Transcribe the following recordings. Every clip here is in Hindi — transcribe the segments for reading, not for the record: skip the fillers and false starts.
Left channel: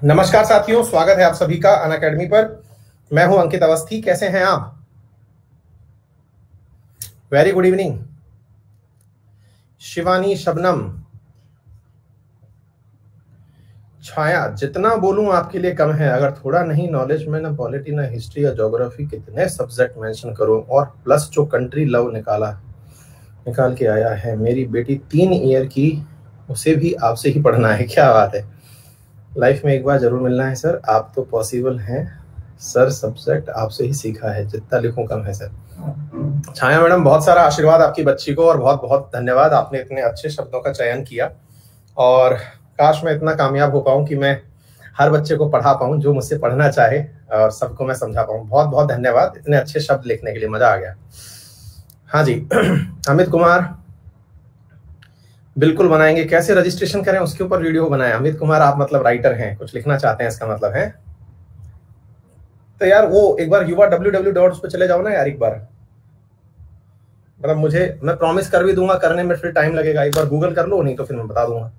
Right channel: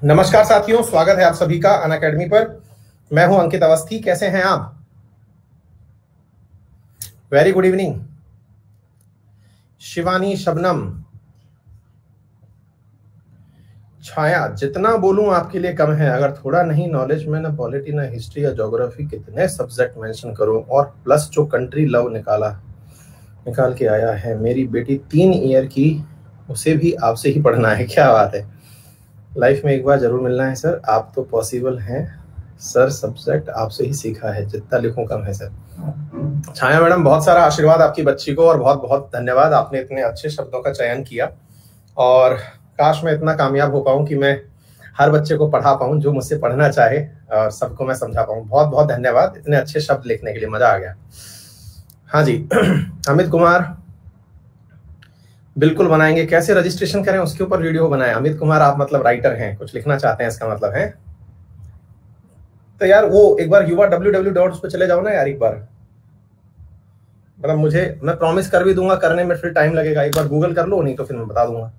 नमस्कार साथियों, स्वागत है आप सभी का अनअकैडमी पर। मैं हूं अंकित अवस्थी। कैसे हैं आप? Very good evening. Shivani, Shabnam, Chhaya, जितना बोलूं आपके लिए कम है। अगर थोड़ा नहीं नॉलेज में, ना पॉलिटी ना हिस्ट्री या ज्योग्राफी, कितने सब्जेक्ट मेंशन करूं। और प्लस जो कंट्री लव निकाल के आया है मेरी बेटी 3 ईयर की, उसे भी आपसे ही पढ़ना है। क्या बात है। लाइफ में एक बार जरूर मिलना है सर। आप तो पॉसिबल हैं सर, सब्जेक्ट आपसे ही सीखा है, जितना लिखूं कम है सर। छाया मैडम, बहुत सारा आशीर्वाद आपकी बच्ची को और बहुत बहुत धन्यवाद। आपने इतने अच्छे शब्दों का चयन किया और काश मैं इतना कामयाब हो पाऊं कि मैं हर बच्चे को पढ़ा पाऊं जो मुझसे पढ़ना चाहे और सबको मैं समझा पाऊं। बहुत बहुत धन्यवाद इतने अच्छे शब्द लिखने के लिए, मजा आ गया। हाँ जी। अमित कुमार, बिल्कुल बनाएंगे। कैसे रजिस्ट्रेशन करें उसके ऊपर वीडियो बनाएं। अमित कुमार, आप मतलब राइटर हैं, कुछ लिखना चाहते हैं इसका मतलब है। तो यार वो एक बार युवा www पे चले जाओ ना यार एक बार। मतलब मैं प्रॉमिस कर भी दूंगा, करने में फिर टाइम लगेगा। एक बार गूगल कर लो, नहीं तो फिर मैं बता दूंगा।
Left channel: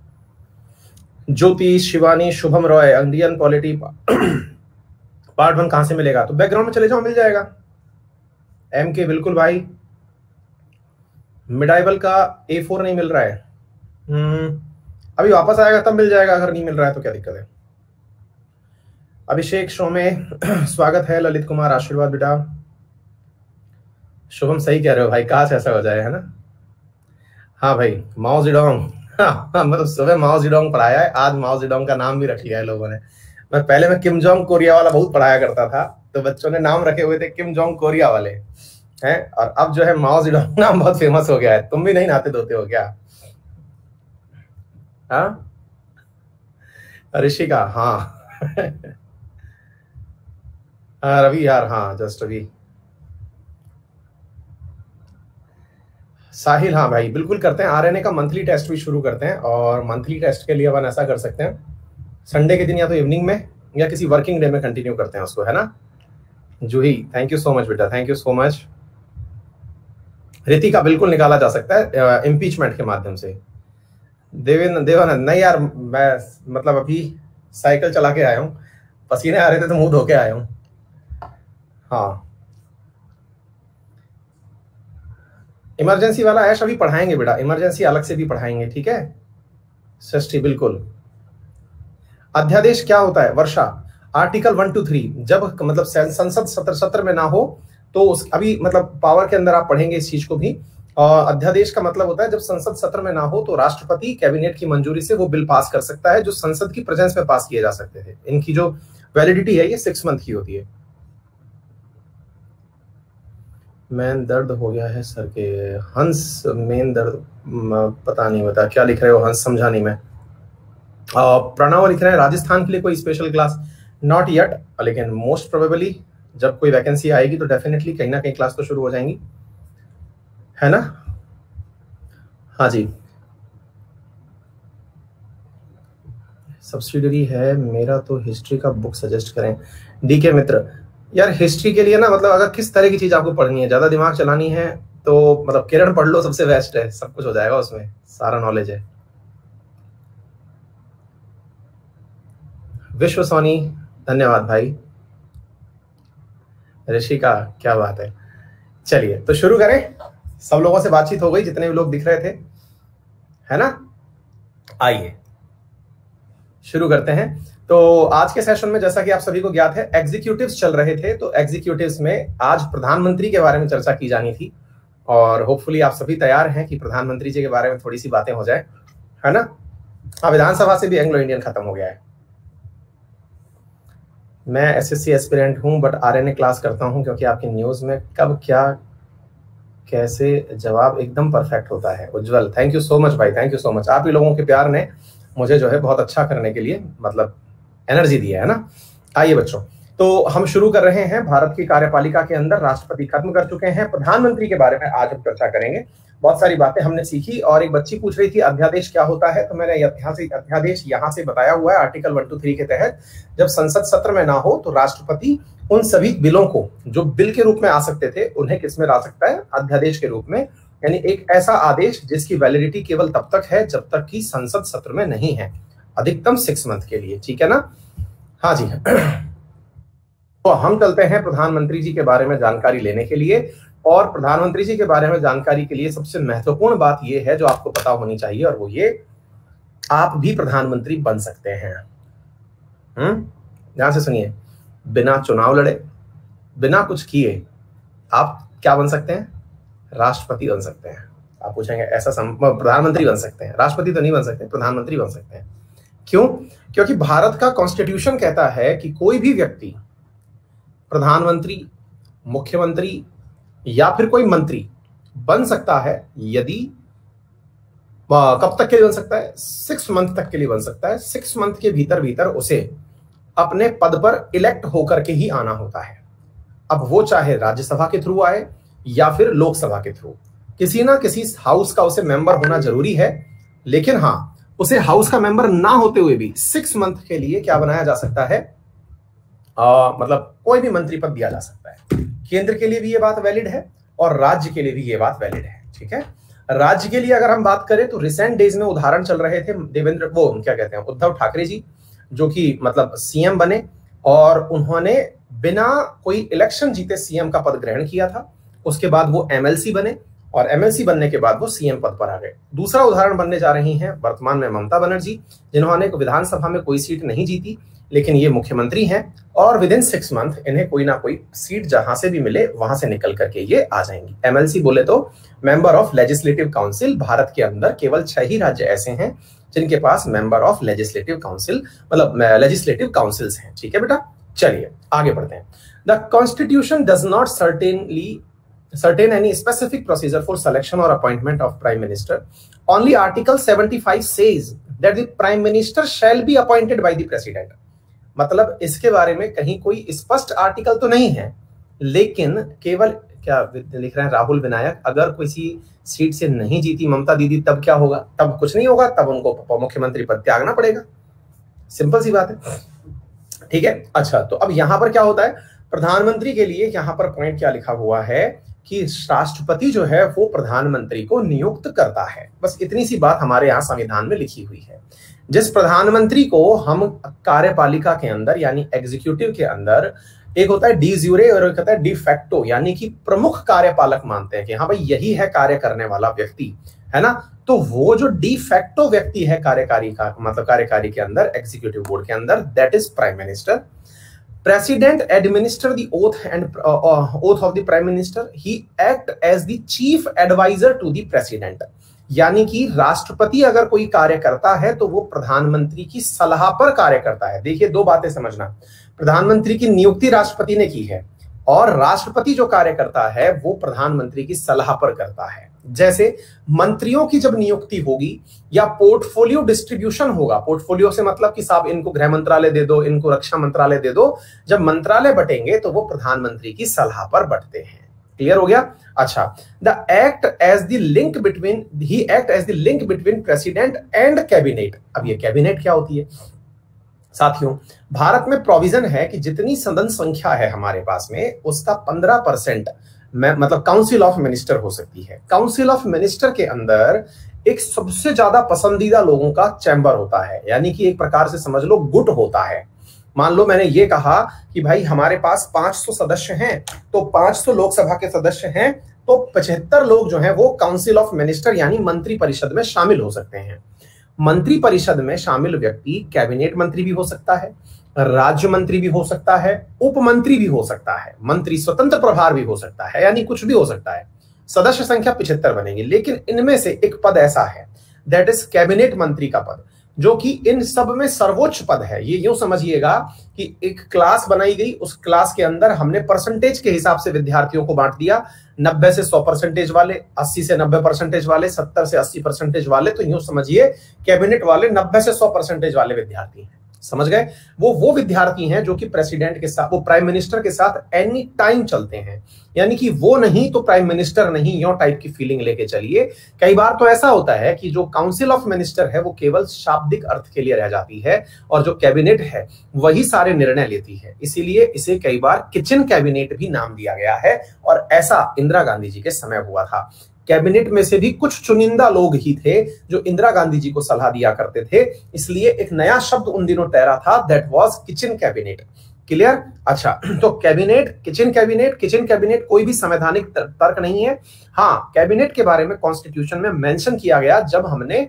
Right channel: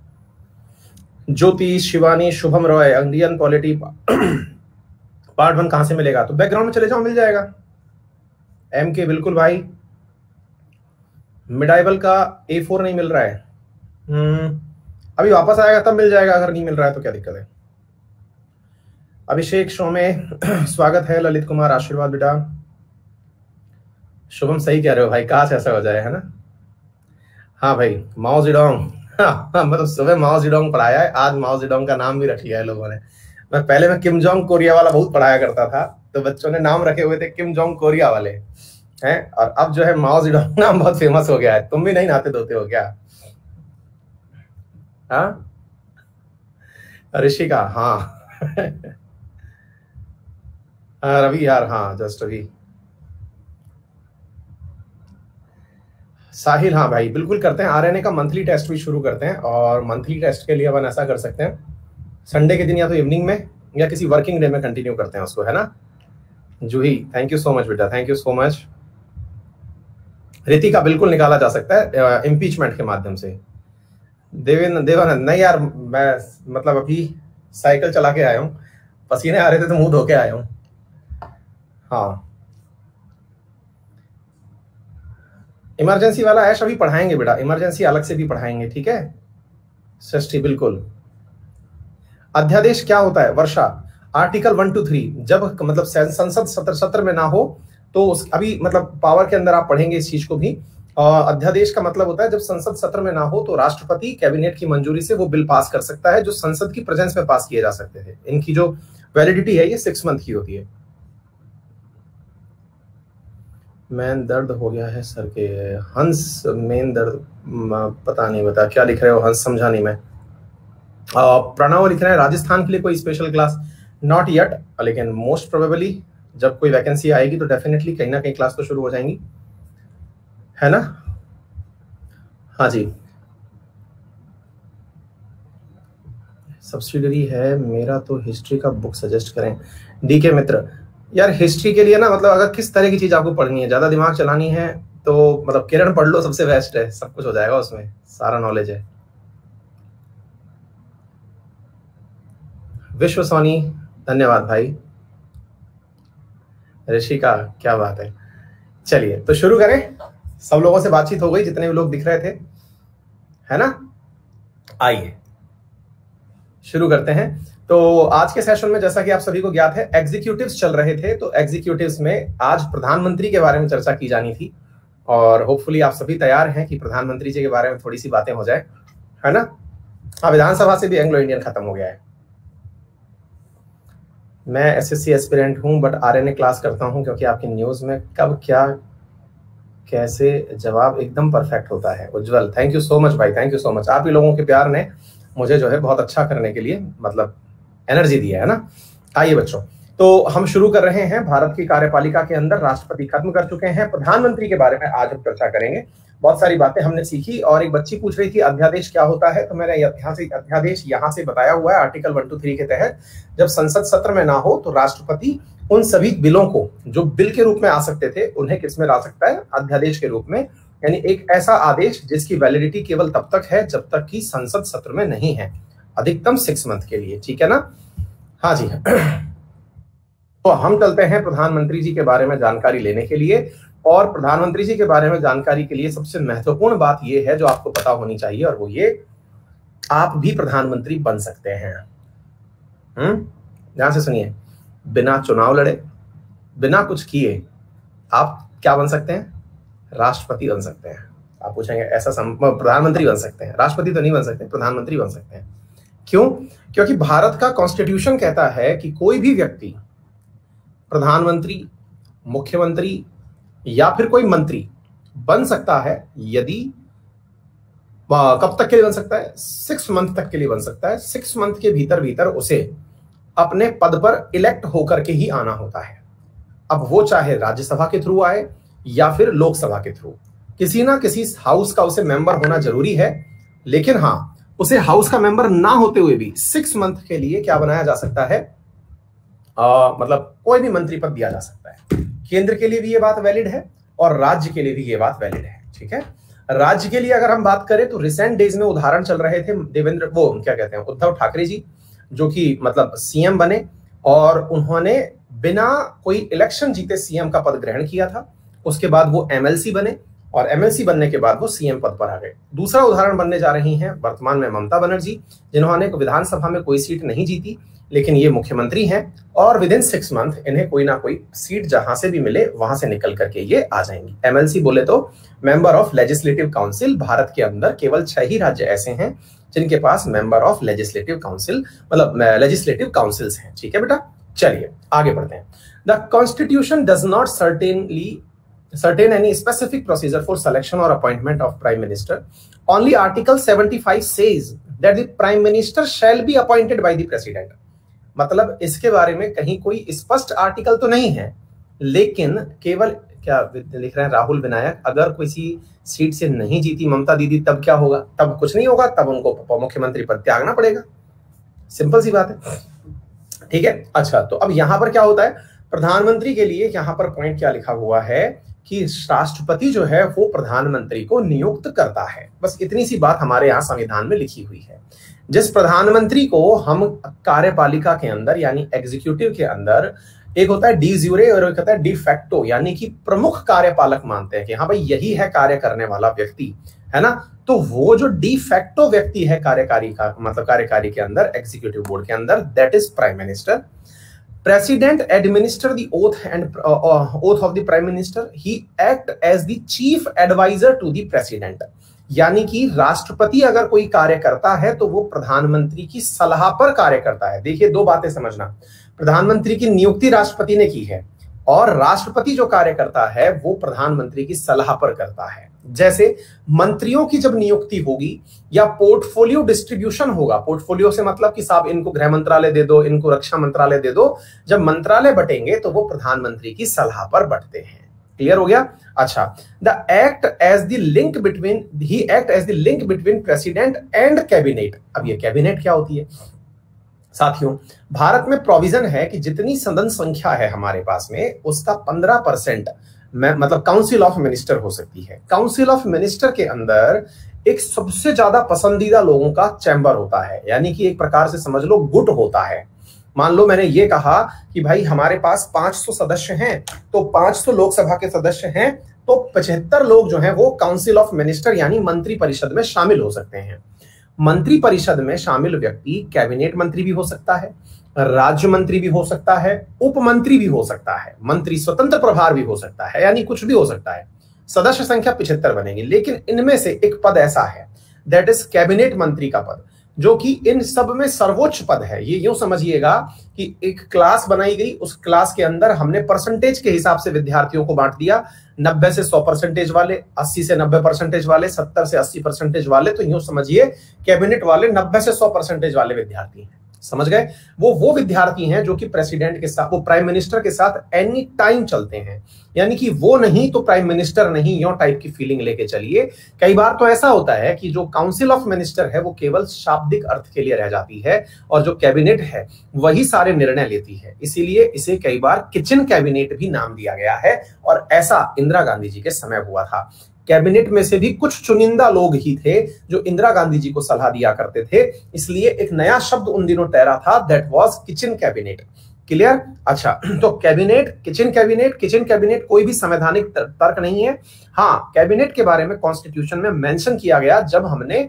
Jyoti, Shivani, Shubham Roy, Indian polity part 1 कहां से मिलेगा? तो बैकग्राउंड में चले जाओ, मिल जाएगा। MK, बिल्कुल भाई। मिडाइबल का A4 नहीं मिल रहा है। अभी वापस आएगा तब मिल जाएगा। अगर नहीं मिल रहा है तो क्या दिक्कत है। अभिषेक शो में स्वागत है। ललित कुमार, आशीर्वाद बेटा। शुभम, सही कह रहे हो भाई, काश ऐसा हो जाए, है ना। हाँ भाई, माओ जेडोंग। हाँ, मतलब सुबह माओ जेडोंग पढ़ाया है, आज माओ जेडोंग का नाम भी रख लिया है लोगों ने। मैं किम जोंग कोरिया वाला बहुत पढ़ाया करता था, तो बच्चों ने नाम रखे हुए थे किम जोंग कोरिया वाले हैं। और अब जो है माओ जेडोंग नाम बहुत फेमस हो गया है। तुम भी नहीं नहाते धोते हो क्या? हाँ, ऋषिका, हाँ। रवि यार, हाँ, जस्ट रवि। साहिल, हाँ भाई, बिल्कुल करते हैं। RNA का मंथली टेस्ट भी शुरू करते हैं और मंथली टेस्ट के लिए अपन ऐसा कर सकते हैं, संडे के दिन या तो इवनिंग में या किसी वर्किंग डे में कंटिन्यू करते हैं उसको, है ना। जूही, थैंक यू सो मच बेटा, thank you so much. Ritika, बिल्कुल निकाला जा सकता है इम्पीचमेंट के माध्यम से। देवानंद, नहीं यार, मैं मतलब अभी साइकिल चला के आया हूँ, पसीने आ रहे थे तो मुंह धो के आया हूँ। हाँ, इमरजेंसी वाला ऐश अभी पढ़ाएंगे बेटा, इमरजेंसी अलग से भी पढ़ाएंगे, ठीक है। षष्ठी, बिल्कुल। अध्यादेश क्या होता है वर्षा? आर्टिकल 1 to 3, जब मतलब संसद सत्र में ना हो तो अभी मतलब पावर के अंदर आप पढ़ेंगे इस चीज को भी। अध्यादेश का मतलब होता है जब संसद सत्र में ना हो तो राष्ट्रपति कैबिनेट की मंजूरी से वो बिल पास कर सकता है, जो संसद की प्रेजेंस में पास किए जा सकते थे। इनकी जो वैलिडिटी है ये 6 मंथ की होती है। मेन दर्द हो गया है सर के। हंस, मेन दर्द पता नहीं बता क्या लिख रहे हो हंस, समझा नहीं मैं। प्रणव लिख रहे हैं राजस्थान के लिए कोई स्पेशल क्लास? नॉट येट, लेकिन मोस्ट प्रोबेबली जब कोई वैकेंसी आएगी तो डेफिनेटली कहीं ना कहीं क्लास तो शुरू हो जाएंगी, है ना। हाँ जी, सब्सिडरी है मेरा तो हिस्ट्री का बुक सजेस्ट करें। DK मित्र, यार हिस्ट्री के लिए ना मतलब अगर किस तरह की चीज आपको पढ़नी है, ज्यादा दिमाग चलानी है तो मतलब किरण पढ़ लो, सबसे बेस्ट है, सब कुछ हो जाएगा उसमें, सारा नॉलेज है। विश्व सोनी, धन्यवाद भाई। ऋषिका, क्या बात है। चलिए तो शुरू करें। सब लोगों से बातचीत हो गई, जितने भी लोग दिख रहे थे, है ना। आइए शुरू करते हैं। तो आज के सेशन में जैसा कि आप सभी को ज्ञात है, एग्जीक्यूटिव्स चल रहे थे, तो एग्जीक्यूटिव्स में आज प्रधानमंत्री के बारे में चर्चा की जानी थी और होपफुली आप सभी तैयार हैं कि प्रधानमंत्री जी के बारे में थोड़ी सी बातें हो जाए, है ना। विधानसभा से भी एंग्लो इंडियन खत्म हो गया है। मैं SSC एस्पिरेंट हूं बट RNA क्लास करता हूं, क्योंकि आपकी न्यूज में कब क्या कैसे जवाब एकदम परफेक्ट होता है। उज्जवल, थैंक यू सो मच भाई, थैंक यू सो मच। आप ही लोगों के प्यार ने मुझे जो है बहुत अच्छा करने के लिए मतलब एनर्जी दी है ना। आइए बच्चों, तो हम शुरू कर रहे हैं। भारत की कार्यपालिका के अंदर राष्ट्रपति खत्म कर चुके हैं, प्रधानमंत्री के बारे में आज हम चर्चा करेंगे। बहुत सारी बातें हमने सीखी और एक बच्ची पूछ रही थी अध्यादेश क्या होता है, तो मैंने अध्यादेश यहाँ से बताया हुआ है। आर्टिकल 1 to 3 के तहत जब संसद सत्र में ना हो तो राष्ट्रपति उन सभी बिलों को जो बिल के रूप में आ सकते थे उन्हें किस में ला सकता है? अध्यादेश के रूप में। यानी एक ऐसा आदेश जिसकी वैलिडिटी केवल तब तक है जब तक कि संसद सत्र में नहीं है, अधिकतम 6 मंथ के लिए, ठीक है ना। हाँ जी। तो हम चलते हैं प्रधानमंत्री जी के बारे में जानकारी लेने के लिए, और प्रधानमंत्री जी के बारे में जानकारी के लिए सबसे महत्वपूर्ण बात यह है जो आपको पता होनी चाहिए, और वो ये, आप भी प्रधानमंत्री बन सकते हैं। ध्यान से सुनिए, बिना चुनाव लड़े, बिना कुछ किए आप क्या बन सकते हैं? राष्ट्रपति बन सकते हैं। आप पूछेंगे ऐसा प्रधानमंत्री बन सकते हैं, राष्ट्रपति तो नहीं बन सकते, प्रधानमंत्री बन सकते हैं। क्यों? क्योंकि भारत का कॉन्स्टिट्यूशन कहता है कि कोई भी व्यक्ति प्रधानमंत्री, मुख्यमंत्री या फिर कोई मंत्री बन सकता है यदि, कब तक के लिए बन सकता है? 6 मंथ तक के लिए बन सकता है। 6 मंथ के भीतर भीतर उसे अपने पद पर इलेक्ट होकर के ही आना होता है। अब वो चाहे राज्यसभा के थ्रू आए या फिर लोकसभा के थ्रू, किसी ना किसी हाउस का उसे मेंबर होना जरूरी है। लेकिन हाँ, उसे हाउस का मेंबर ना होते हुए भी 6 मंथ के लिए क्या बनाया जा सकता है? मतलब कोई भी मंत्री पद दिया जा सकता है। केंद्र के लिए भी ये बात वैलिड है और राज्य के लिए भी ये बात वैलिड है। ठीक है, राज्य के लिए अगर हम बात करें तो रिसेंट डेज में उदाहरण चल रहे थे, उद्धव ठाकरे जी, जो कि मतलब सीएम बने और उन्होंने बिना कोई इलेक्शन जीते सीएम का पद ग्रहण किया था। उसके बाद वो एमएलसी बने और एमएलसी बनने के बाद वो सीएम पद पर आ गए। दूसरा उदाहरण बनने जा रही हैं वर्तमान में ममता बनर्जी, जिन्होंने विधानसभा में कोई सीट नहीं जीती, लेकिन ये मुख्यमंत्री हैं और विद इन 6 मंथ इन्हें कोई ना कोई सीट जहां से भी मिले वहां से निकल करके ये आ जाएंगी। एमएलसी बोले तो member of legislative council. Bharat के अंदर केवल 6 ही राज्य ऐसे हैं जिनके पास मेंबर ऑफ लेजिस्लेटिव काउंसिल, मतलब लेजिस्लेटिव काउंसिल्स हैं। ठीक है बेटा, चलिए आगे बढ़ते हैं। The constitution does not certain any specific procedure for selection or appointment of prime minister. Only article 75 says that the prime minister shall be appointed by the president. मतलब इसके बारे में कहीं कोई स्पष्ट आर्टिकल तो नहीं है, लेकिन केवल क्या लिख रहे हैं राहुल विनायक, अगर किसी सीट से नहीं जीती ममता दीदी तब क्या होगा? तब कुछ नहीं होगा, तब उनको मुख्यमंत्री पद त्यागना पड़ेगा। सिंपल सी बात है। ठीक है, अच्छा तो अब यहां पर क्या होता है? प्रधानमंत्री के लिए यहां पर पॉइंट क्या लिखा हुआ है कि राष्ट्रपति जो है वो प्रधानमंत्री को नियुक्त करता है। बस इतनी सी बात हमारे यहाँ संविधान में लिखी हुई है। जिस प्रधानमंत्री को हम कार्यपालिका के अंदर यानी एग्जीक्यूटिव के अंदर, एक होता है डी ज्यूरे और एक होता है डी फैक्टो, यानी कि प्रमुख कार्यपालक मानते हैं कि हाँ भाई यही है कार्य करने वाला व्यक्ति, है ना। तो वो जो डी फैक्टो व्यक्ति है कार्यकारी का, मतलब कार्यकारी के अंदर, एग्जीक्यूटिव बोर्ड के अंदर, that is prime minister. President administer the oath and oath of the prime minister. He act as the chief advisor to the president. यानी कि राष्ट्रपति अगर कोई कार्य करता है तो वो प्रधानमंत्री की सलाह पर कार्य करता है। देखिए दो बातें समझना, प्रधानमंत्री की नियुक्ति राष्ट्रपति ने की है और राष्ट्रपति जो कार्य करता है वो प्रधानमंत्री की सलाह पर करता है। जैसे मंत्रियों की जब नियुक्ति होगी या पोर्टफोलियो डिस्ट्रीब्यूशन होगा, पोर्टफोलियो से मतलब कि साहब इनको गृह मंत्रालय दे दो, इनको रक्षा मंत्रालय दे दो, जब मंत्रालय बटेंगे तो वो प्रधानमंत्री की सलाह पर बटते हैं। क्लियर हो गया? अच्छा, the act as the link between, he act as the link between president and cabinet. अब ये कैबिनेट क्या होती है साथियों? भारत में प्रोविजन है कि जितनी सदन संख्या है हमारे पास में उसका 15% मतलब काउंसिल ऑफ मिनिस्टर हो सकती है। काउंसिल ऑफ मिनिस्टर के अंदर एक सबसे ज्यादा पसंदीदा लोगों का चैम्बर होता है, यानी कि एक प्रकार से समझ लो गुट होता है। मान लो मैंने ये कहा कि भाई हमारे पास 500 सदस्य हैं, तो 500 लोकसभा के सदस्य हैं, तो 75 लोग जो हैं वो काउंसिल ऑफ मिनिस्टर यानी मंत्री परिषद में शामिल हो सकते हैं। मंत्री परिषद में शामिल व्यक्ति कैबिनेट मंत्री भी हो सकता है, राज्य मंत्री भी हो सकता है, उप मंत्री भी हो सकता है, मंत्री स्वतंत्र प्रभार भी हो सकता है, यानी कुछ भी हो सकता है। सदस्य संख्या 75 बनेगी, लेकिन इनमें से एक पद ऐसा है दैट इज कैबिनेट मंत्री का पद, जो कि इन सब में सर्वोच्च पद है। ये यूं समझिएगा कि एक क्लास बनाई गई, उस क्लास के अंदर हमने परसेंटेज के हिसाब से विद्यार्थियों को बांट दिया, 90 से 100% वाले, 80 से 90% वाले, 70 से 80% वाले। तो यूं समझिए कैबिनेट वाले 90 से 100% वाले विद्यार्थी हैं। समझ गए? वो विद्यार्थी हैं जो कि प्रेसिडेंट के साथ, वो प्राइम मिनिस्टर के साथ एनी टाइम चलते हैं, यानी कि वो नहीं तो प्राइम मिनिस्टर नहीं, यो टाइप की फीलिंग लेके चलिए। कई बार तो ऐसा होता है कि जो काउंसिल ऑफ मिनिस्टर है वो केवल शाब्दिक अर्थ के लिए रह जाती है और जो कैबिनेट है वही सारे निर्णय लेती है, इसीलिए इसे कई बार किचन कैबिनेट भी नाम दिया गया है। और ऐसा इंदिरा गांधी जी के समय हुआ था। कैबिनेट में से भी कुछ चुनिंदा लोग ही थे जो इंदिरा गांधी जी को सलाह दिया करते थे। इसलिए एक नया शब्द उन दिनों तैरा था, that was kitchen cabinet. Clear? अच्छा, तो cabinet, kitchen cabinet, kitchen cabinet कोई भी संवैधानिक तर्क नहीं है। हाँ, कैबिनेट के बारे में कॉन्स्टिट्यूशन में मेंशन किया गया जब हमने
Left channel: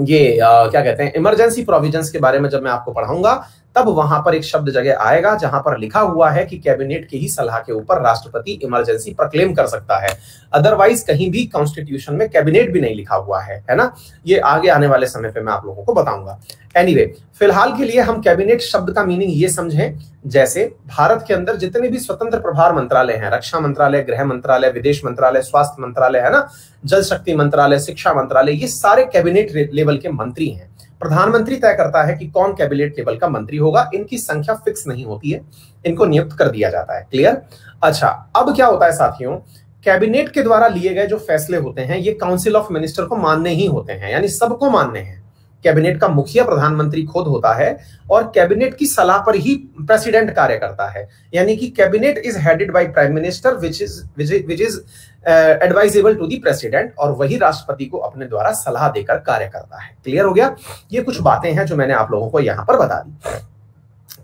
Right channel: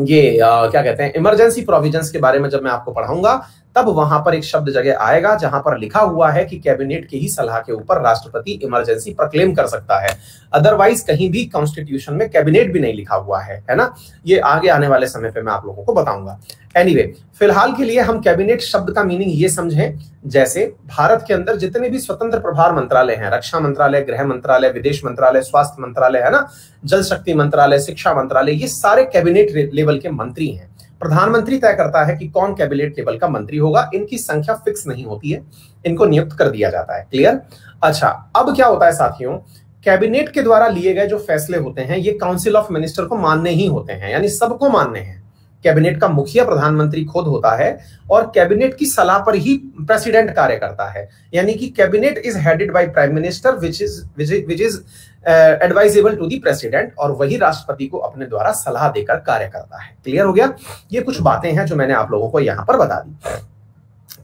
ये क्या कहते हैं, इमरजेंसी प्रोविजंस के बारे में जब मैं आपको पढ़ाऊंगा, तब वहां पर एक शब्द जगह आएगा जहां पर लिखा हुआ है कि कैबिनेट की ही सलाह के ऊपर राष्ट्रपति इमरजेंसी प्रोक्लेम कर सकता है। अदरवाइज कहीं भी कॉन्स्टिट्यूशन में कैबिनेट भी नहीं लिखा हुआ है ना। ये आगे आने वाले समय पे मैं आप लोगों को बताऊंगा। एनीवे, फिलहाल के लिए हम कैबिनेट शब्द का मीनिंग ये समझें, जैसे भारत के अंदर जितने भी स्वतंत्र प्रभार मंत्रालय हैं, रक्षा मंत्रालय, गृह मंत्रालय, विदेश मंत्रालय, स्वास्थ्य मंत्रालय, है ना, जल शक्ति मंत्रालय, शिक्षा मंत्रालय, ये सारे कैबिनेट लेवल के मंत्री हैं। प्रधानमंत्री तय करता है कि कौन कैबिनेट लेवल का मंत्री होगा। इनकी संख्या फिक्स नहीं होती है, इनको नियुक्त कर दिया जाता है। क्लियर? अच्छा, अब क्या होता है साथियों, कैबिनेट के द्वारा लिए गए जो फैसले होते हैं ये काउंसिल ऑफ मिनिस्टर को मानने ही होते हैं, यानी सबको मानने हैं। कैबिनेट का मुखिया प्रधानमंत्री खुद होता है और कैबिनेट की सलाह पर ही प्रेसिडेंट कार्य करता है, यानी कि cabinet is headed by prime minister which is advisable to the president, और वही राष्ट्रपति को अपने द्वारा सलाह देकर कार्य करता है। क्लियर हो गया? ये कुछ बातें हैं जो मैंने आप लोगों को यहां पर बता दी।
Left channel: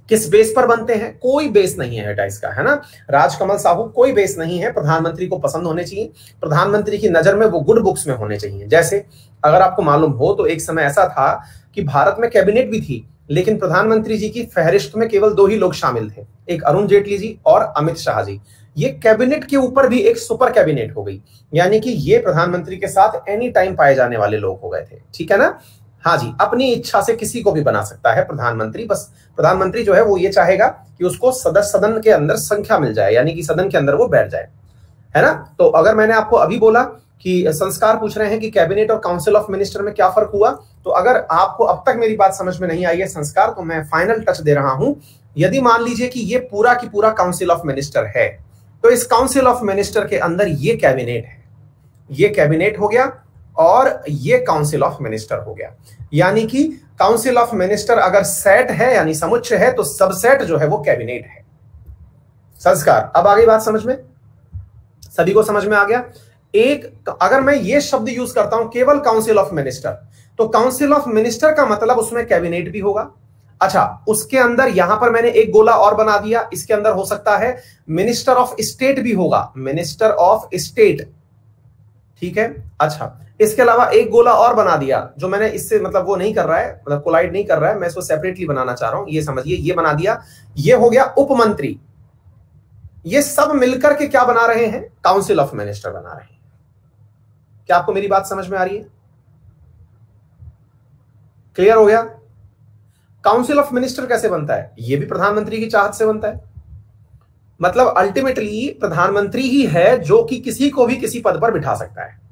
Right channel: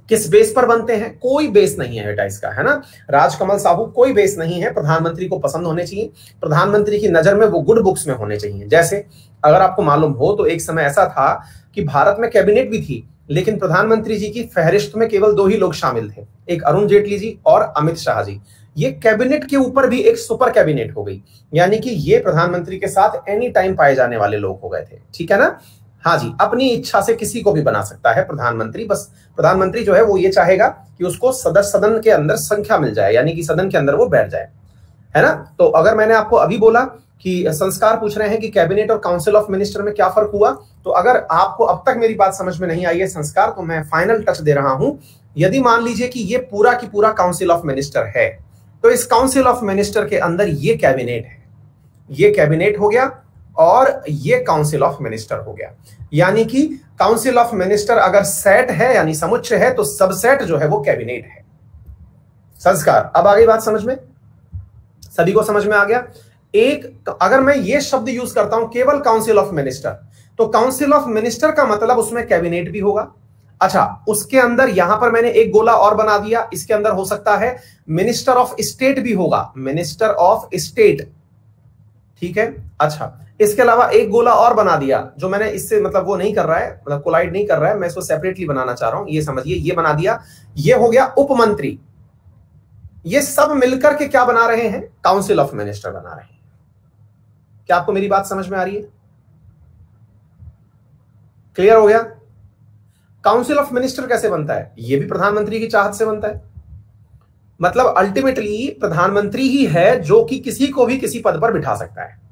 किस बेस पर बनते हैं? कोई बेस नहीं है बेटा इसका, है ना। राजकमल साहू, कोई बेस नहीं है। प्रधानमंत्री को पसंद होने चाहिए, प्रधानमंत्री की नजर में वो गुड बुक्स में होने चाहिए। जैसे अगर आपको मालूम हो तो एक समय ऐसा था कि भारत में कैबिनेट भी थी, लेकिन प्रधानमंत्री जी की फहरिस्त में केवल 2 ही लोग शामिल थे, एक अरुण जेटली जी और अमित शाह जी। ये कैबिनेट के ऊपर भी एक सुपर कैबिनेट हो गई, यानी कि ये प्रधानमंत्री के साथ एनी टाइम पाए जाने वाले लोग हो गए थे। ठीक है ना? हाँ जी, अपनी इच्छा से किसी को भी बना सकता है प्रधानमंत्री। बस प्रधानमंत्री जो है वो ये चाहेगा कि उसको सदन के अंदर संख्या मिल जाए, यानी कि सदन के अंदर वो बैठ जाए, है ना। तो अगर मैंने आपको अभी बोला कि संस्कार पूछ रहे हैं कि कैबिनेट और काउंसिल ऑफ मिनिस्टर में क्या फर्क हुआ, तो अगर आपको अब तक मेरी बात समझ में नहीं आई है संस्कार, तो मैं फाइनल टच दे रहा हूं। यदि मान लीजिए कि ये पूरा की पूरा काउंसिल ऑफ मिनिस्टर है, तो इस काउंसिल ऑफ मिनिस्टर के अंदर ये कैबिनेट है, ये कैबिनेट हो गया और ये काउंसिल ऑफ मिनिस्टर हो गया। यानी कि काउंसिल ऑफ मिनिस्टर अगर सेट है यानी समुच्चय है, तो सबसेट जो है वो कैबिनेट है। संस्कार, अब आ गई बात समझ में? सभी को समझ में आ गया? एक अगर मैं ये शब्द यूज करता हूं केवल काउंसिल ऑफ मिनिस्टर, तो काउंसिल ऑफ मिनिस्टर का मतलब उसमें कैबिनेट भी होगा। अच्छा, उसके अंदर यहां पर मैंने एक गोला और बना दिया, इसके अंदर हो सकता है मिनिस्टर ऑफ स्टेट भी होगा, मिनिस्टर ऑफ स्टेट। ठीक है? अच्छा, इसके अलावा एक गोला और बना दिया, जो मैंने इससे मतलब वो नहीं कर रहा है, मतलब कोलाइड नहीं कर रहा है, मैं इसको सेपरेटली बनाना चाह रहा हूं, ये समझिए। ये बना दिया, ये हो गया उप मंत्री। ये सब मिलकर के क्या बना रहे हैं? काउंसिल ऑफ मिनिस्टर बना रहे हैं। क्या आपको मेरी बात समझ में आ रही है? क्लियर हो गया? काउंसिल ऑफ मिनिस्टर कैसे बनता है? ये भी प्रधानमंत्री की चाहत से बनता है। मतलब अल्टीमेटली प्रधानमंत्री ही है जो कि किसी को भी किसी पद पर बिठा सकता है।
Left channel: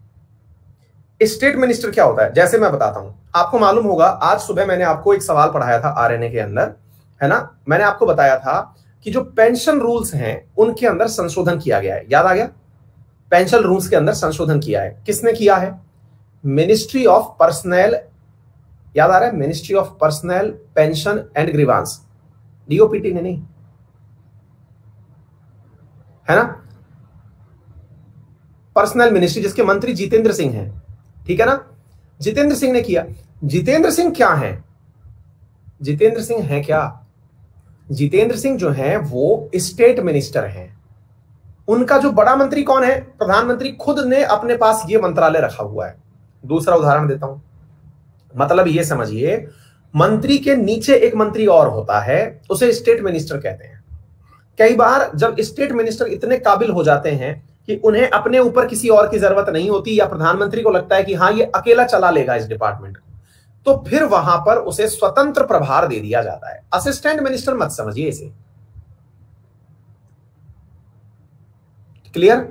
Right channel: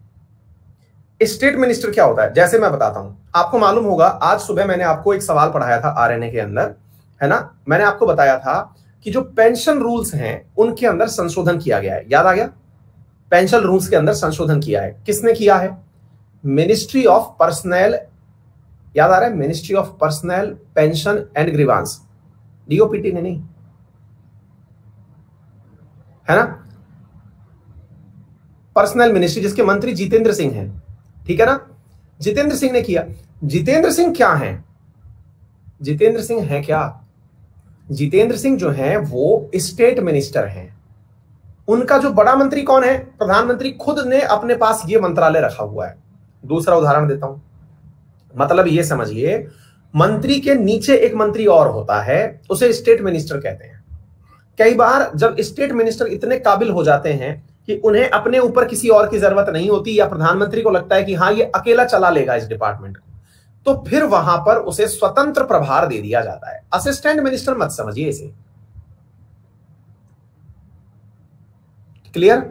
स्टेट मिनिस्टर क्या होता है? जैसे मैं बताता हूं, आपको मालूम होगा, आज सुबह मैंने आपको एक सवाल पढ़ाया था आरएनए के अंदर, है ना। मैंने आपको बताया था कि जो पेंशन रूल्स हैं उनके अंदर संशोधन किया गया है। याद आ गया? पेंशन रूल्स के अंदर संशोधन किया है। किसने किया है? मिनिस्ट्री ऑफ पर्सनल, याद आ रहा है? Ministry of personal, pension and grievance, DOPT ने नहीं, है ना। पर्सनल मिनिस्ट्री, जिसके मंत्री जितेंद्र सिंह हैं, ठीक है ना। जितेंद्र सिंह ने किया। जितेंद्र सिंह क्या है? जितेंद्र सिंह है क्या? जितेंद्र सिंह जो है वो स्टेट मिनिस्टर हैं। उनका जो बड़ा मंत्री कौन है? प्रधानमंत्री खुद ने अपने पास ये मंत्रालय रखा हुआ है। दूसरा उदाहरण देता हूं, मतलब ये समझिए, मंत्री के नीचे एक मंत्री और होता है, उसे स्टेट मिनिस्टर कहते हैं। कई बार जब स्टेट मिनिस्टर इतने काबिल हो जाते हैं कि उन्हें अपने ऊपर किसी और की जरूरत नहीं होती, या प्रधानमंत्री को लगता है कि हाँ ये अकेला चला लेगा इस डिपार्टमेंट को, तो फिर वहां पर उसे स्वतंत्र प्रभार दे दिया जाता है। असिस्टेंट मिनिस्टर मत समझिए इसे। क्लियर?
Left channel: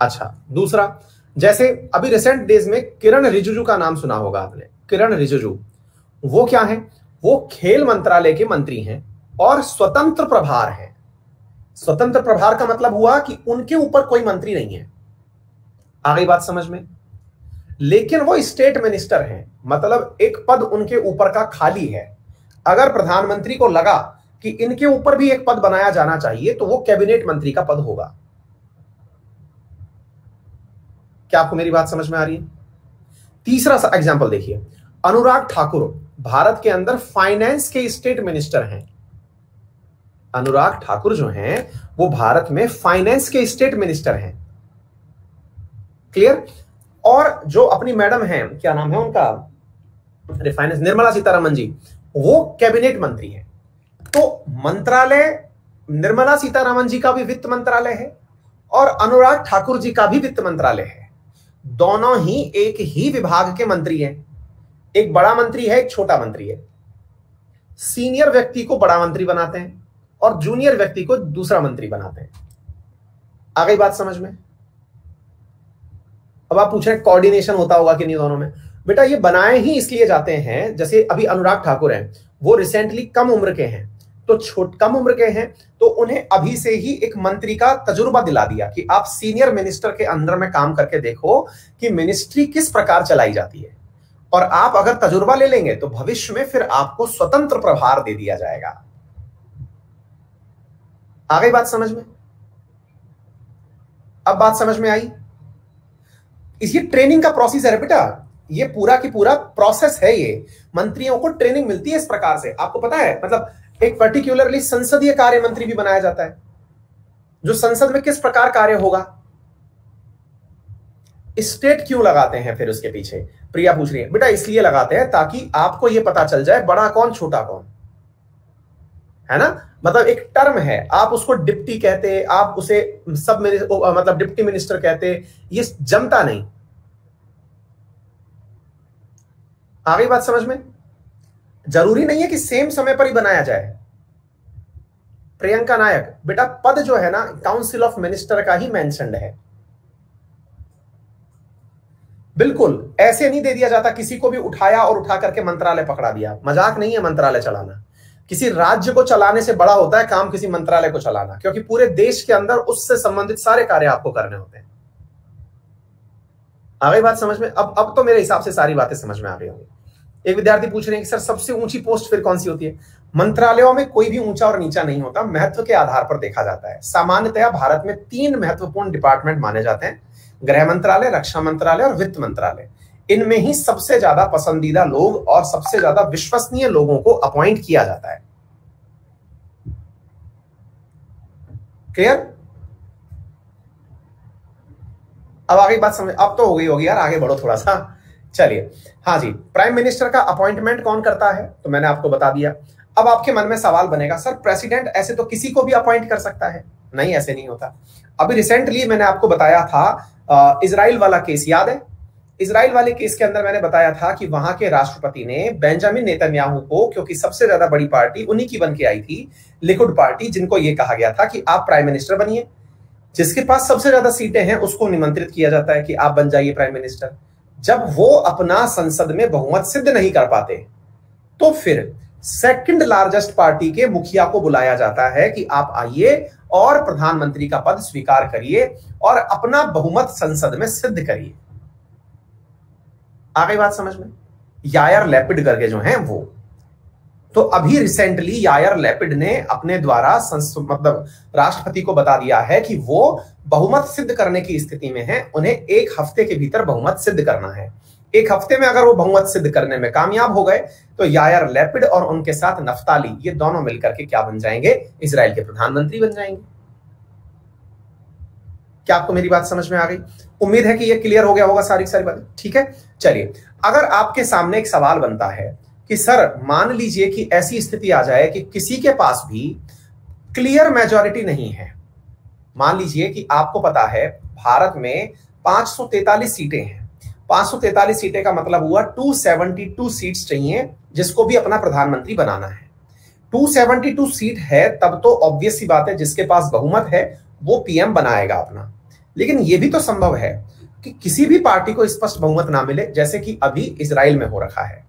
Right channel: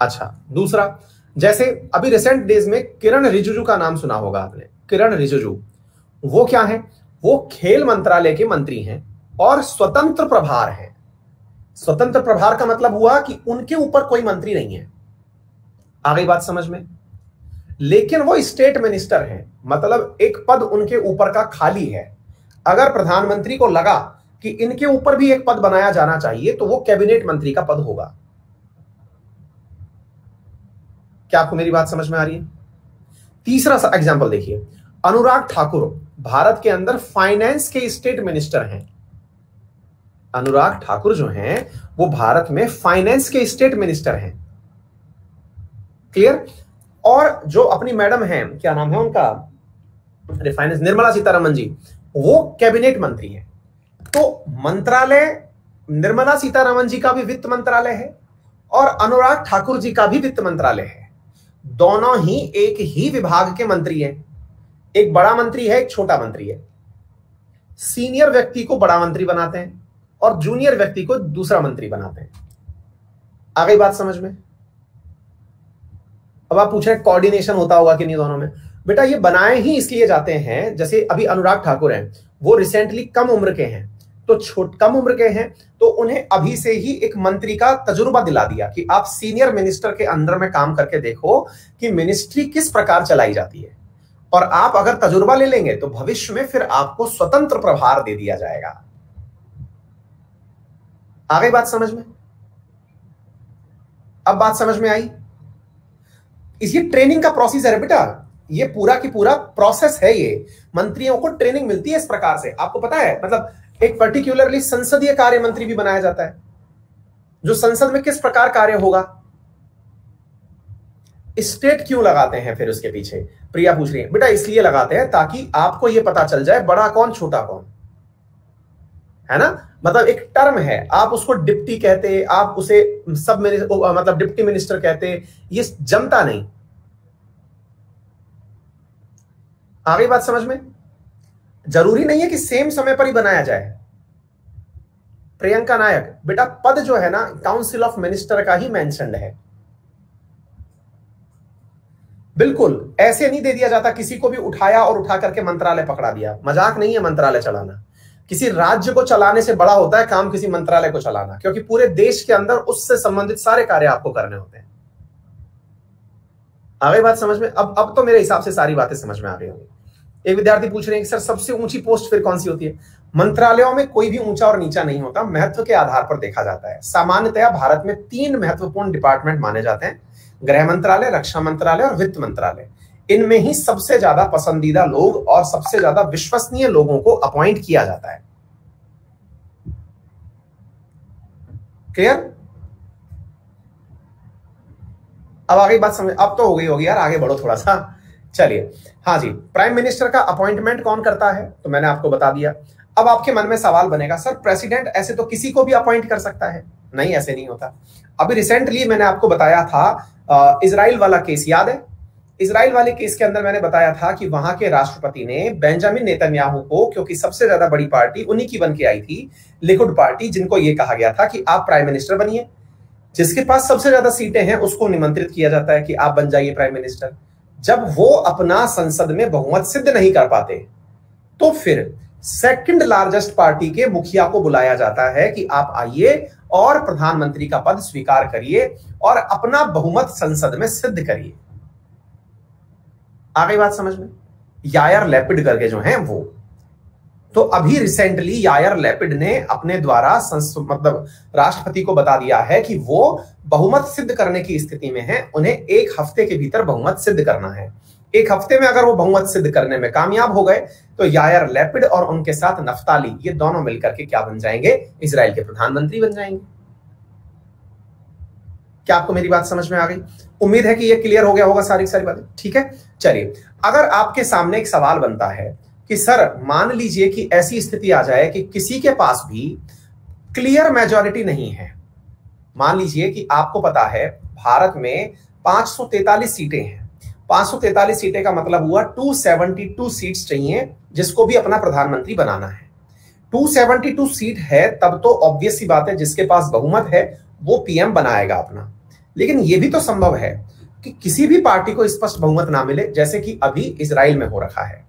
अच्छा, दूसरा, जैसे अभी रिसेंट डेज में किरण रिजिजू का नाम सुना होगा आपने। किरण रिजिजू वो क्या है? वो खेल मंत्रालय के मंत्री हैं और स्वतंत्र प्रभार है। स्वतंत्र प्रभार का मतलब हुआ कि उनके ऊपर कोई मंत्री नहीं है। आ गई बात समझ में? लेकिन वो स्टेट मिनिस्टर हैं, मतलब एक पद उनके ऊपर का खाली है। अगर प्रधानमंत्री को लगा कि इनके ऊपर भी एक पद बनाया जाना चाहिए, तो वो कैबिनेट मंत्री का पद होगा। क्या आपको मेरी बात समझ में आ रही है? तीसरा एग्जांपल देखिए, अनुराग ठाकुर भारत के अंदर फाइनेंस के स्टेट मिनिस्टर हैं। अनुराग ठाकुर जो हैं वो भारत में फाइनेंस के स्टेट मिनिस्टर हैं। क्लियर? और जो अपनी मैडम हैं, क्या नाम है उनका, फाइनेंस, निर्मला सीतारमण जी, वो कैबिनेट मंत्री हैं। तो मंत्रालय निर्मला सीतारमण जी का भी वित्त मंत्रालय है और अनुराग ठाकुर जी का भी वित्त मंत्रालय है। दोनों ही एक ही विभाग के मंत्री हैं। एक बड़ा मंत्री है, एक छोटा मंत्री है। सीनियर व्यक्ति को बड़ा मंत्री बनाते हैं और जूनियर व्यक्ति को दूसरा मंत्री बनाते हैं। आ गई बात समझ में? अब आप पूछ रहे हैं कोऑर्डिनेशन होता होगा कि नहीं दोनों में। बेटा ये बनाए ही इसलिए जाते हैं, जैसे अभी अनुराग ठाकुर हैं, वो रिसेंटली कम उम्र के हैं, तो कम उम्र के हैं तो उन्हें अभी से ही एक मंत्री का तजुर्बा दिला दिया कि आप सीनियर मिनिस्टर के अंडर में काम करके देखो कि मिनिस्ट्री किस प्रकार चलाई जाती है, और आप अगर तजुर्बा ले लेंगे तो भविष्य में फिर आपको स्वतंत्र प्रभार दे दिया जाएगा। आ गई बात समझ में? अब बात समझ में आई? इसकी ट्रेनिंग का प्रोसेस है बेटा, ये पूरा की पूरा प्रोसेस है। ये मंत्रियों को ट्रेनिंग मिलती है इस प्रकार से। आपको पता है, मतलब एक पर्टिकुलरली संसदीय कार्य मंत्री भी बनाया जाता है, जो संसद में किस प्रकार कार्य होगा। स्टेट क्यों लगाते हैं फिर उसके पीछे? प्रिया पूछ रही है। बेटा इसलिए लगाते हैं ताकि आपको यह पता चल जाए बड़ा कौन छोटा कौन है ना। मतलब एक टर्म है, आप उसको डिप्टी कहते, आप उसे सब मतलब डिप्टी मिनिस्टर कहते, ये जमता नहीं। आ गई बात समझ में? जरूरी नहीं है कि सेम समय पर ही बनाया जाए। प्रियंका नायक, बेटा पद जो है ना काउंसिल ऑफ मिनिस्टर का ही मेंशन्ड है। बिल्कुल ऐसे नहीं दे दिया जाता, किसी को भी उठाया और उठा करके मंत्रालय पकड़ा दिया। मजाक नहीं है मंत्रालय चलाना। किसी राज्य को चलाने से बड़ा होता है काम किसी मंत्रालय को चलाना, क्योंकि पूरे देश के अंदर उससे संबंधित सारे कार्य आपको करने होते हैं। आ गई बात समझ में? अब तो मेरे हिसाब से सारी बातें समझ में आ गई होंगी। एक विद्यार्थी पूछ रहे हैं कि सर सबसे ऊंची पोस्ट फिर कौन सी होती है? मंत्रालयों में कोई भी ऊंचा और नीचा नहीं होता, महत्व के आधार पर देखा जाता है। सामान्यतया भारत में 3 महत्वपूर्ण डिपार्टमेंट माने जाते हैं, गृह मंत्रालय, रक्षा मंत्रालय और वित्त मंत्रालय। इनमें ही सबसे ज्यादा पसंदीदा लोग और सबसे ज्यादा विश्वसनीय लोगों को अपॉइंट किया जाता है। क्लियर? अब आगे बात समझ, अब तो हो गई होगी यार, आगे बढ़ो थोड़ा सा। चलिए, हाँ जी, प्राइम मिनिस्टर का अपॉइंटमेंट कौन करता है तो मैंने आपको बता दिया। अब आपके मन में सवाल बनेगा, सर प्रेसिडेंट ऐसे तो किसी को भी अपॉइंट कर सकता है? नहीं, ऐसे नहीं होता। अभी रिसेंटली मैंने आपको बताया था इजराइल वाला केस, याद है? इजराइल वाले केस के अंदर मैंने बताया था कि वहां के राष्ट्रपति ने बेंजामिन नेतन्याहू को, क्योंकि सबसे ज्यादा बड़ी पार्टी उन्हीं की बन के आई थी, लिकुड पार्टी, जिनको यह कहा गया था कि आप प्राइम मिनिस्टर बनिए, जिसके पास सबसे ज्यादा सीटें हैं उसको निमंत्रित किया जाता है कि आप बन जाइए प्राइम मिनिस्टर। जब वो अपना संसद में बहुमत सिद्ध नहीं कर पाते तो फिर सेकंड लार्जेस्ट पार्टी के मुखिया को बुलाया जाता है कि आप आइए और प्रधानमंत्री का पद स्वीकार करिए और अपना बहुमत संसद में सिद्ध करिए। आ गई बात समझ में? यायर लैपिड करके जो हैं वो, तो अभी रिसेंटली यायर लैपिड ने अपने द्वारा मतलब राष्ट्रपति को बता दिया है कि वो बहुमत सिद्ध करने की स्थिति में है, उन्हें 1 हफ्ते के भीतर बहुमत सिद्ध करना है। 1 हफ्ते में अगर वो बहुमत सिद्ध करने में कामयाब हो गए तो यायर लैपिड और उनके साथ नफ्ताली, ये दोनों मिलकर के क्या बन जाएंगे? इजराइल के प्रधानमंत्री बन जाएंगे। क्या आपको मेरी बात समझ में आ गई? उम्मीद है कि ये क्लियर हो गया होगा सारी बातें। ठीक है, चलिए, अगर आपके सामने एक सवाल बनता है कि सर मान लीजिए कि ऐसी स्थिति आ जाए कि किसी के पास भी क्लियर मेजॉरिटी नहीं है। मान लीजिए कि आपको पता है भारत में 543 सीटें हैं। 543 सीटें का मतलब हुआ 272 सीट्स चाहिए जिसको भी अपना प्रधानमंत्री बनाना है। 272 सीट है तब तो ऑब्वियस सी बात है जिसके पास बहुमत है वो पीएम बनाएगा अपना। लेकिन यह भी तो संभव है कि किसी भी पार्टी को स्पष्ट बहुमत ना मिले, जैसे कि अभी इजराइल में हो रखा है।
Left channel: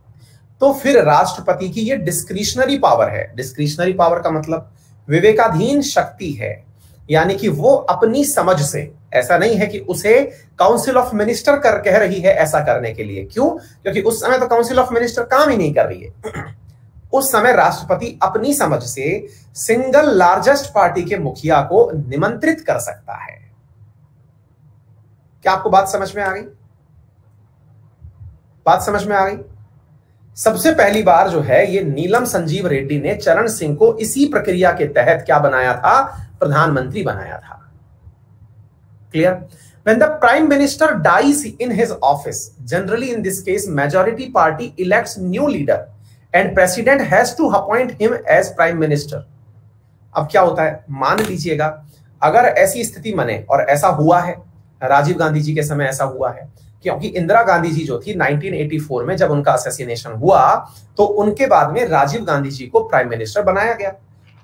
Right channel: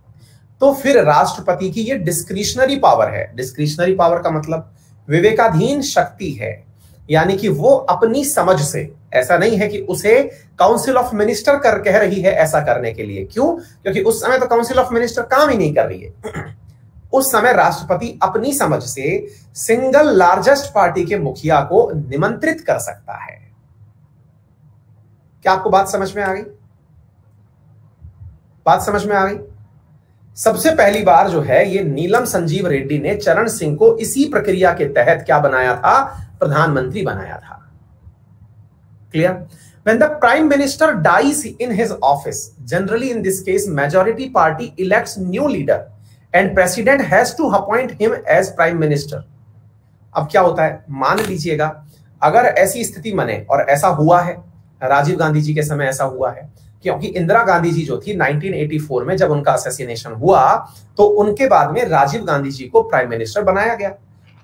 तो फिर राष्ट्रपति की ये डिस्क्रिशनरी पावर है। डिस्क्रिशनरी पावर का मतलब विवेकाधीन शक्ति है, यानी कि वो अपनी समझ से, ऐसा नहीं है कि उसे काउंसिल ऑफ मिनिस्टर कह रही है ऐसा करने के लिए। क्यों? क्योंकि उस समय तो काउंसिल ऑफ मिनिस्टर काम ही नहीं कर रही है। उस समय राष्ट्रपति अपनी समझ से सिंगल लार्जेस्ट पार्टी के मुखिया को निमंत्रित कर सकता है। क्या आपको बात समझ में आ गई? बात समझ में आ गई? सबसे पहली बार जो है ये नीलम संजीव रेड्डी ने चरण सिंह को इसी प्रक्रिया के तहत क्या बनाया था? प्रधानमंत्री बनाया था। Clear? When the prime minister dies in his office, generally in this case majority party elects new leader and president has to appoint him as prime minister. अब क्या होता है, मान लीजिएगा अगर ऐसी स्थिति बने, और ऐसा हुआ है, राजीव गांधी जी के समय ऐसा हुआ है, क्योंकि इंदिरा गांधी जी जो थी 1984 में जब उनका असैसिनेशन हुआ तो उनके बाद में राजीव गांधी जी को प्राइम मिनिस्टर बनाया गया।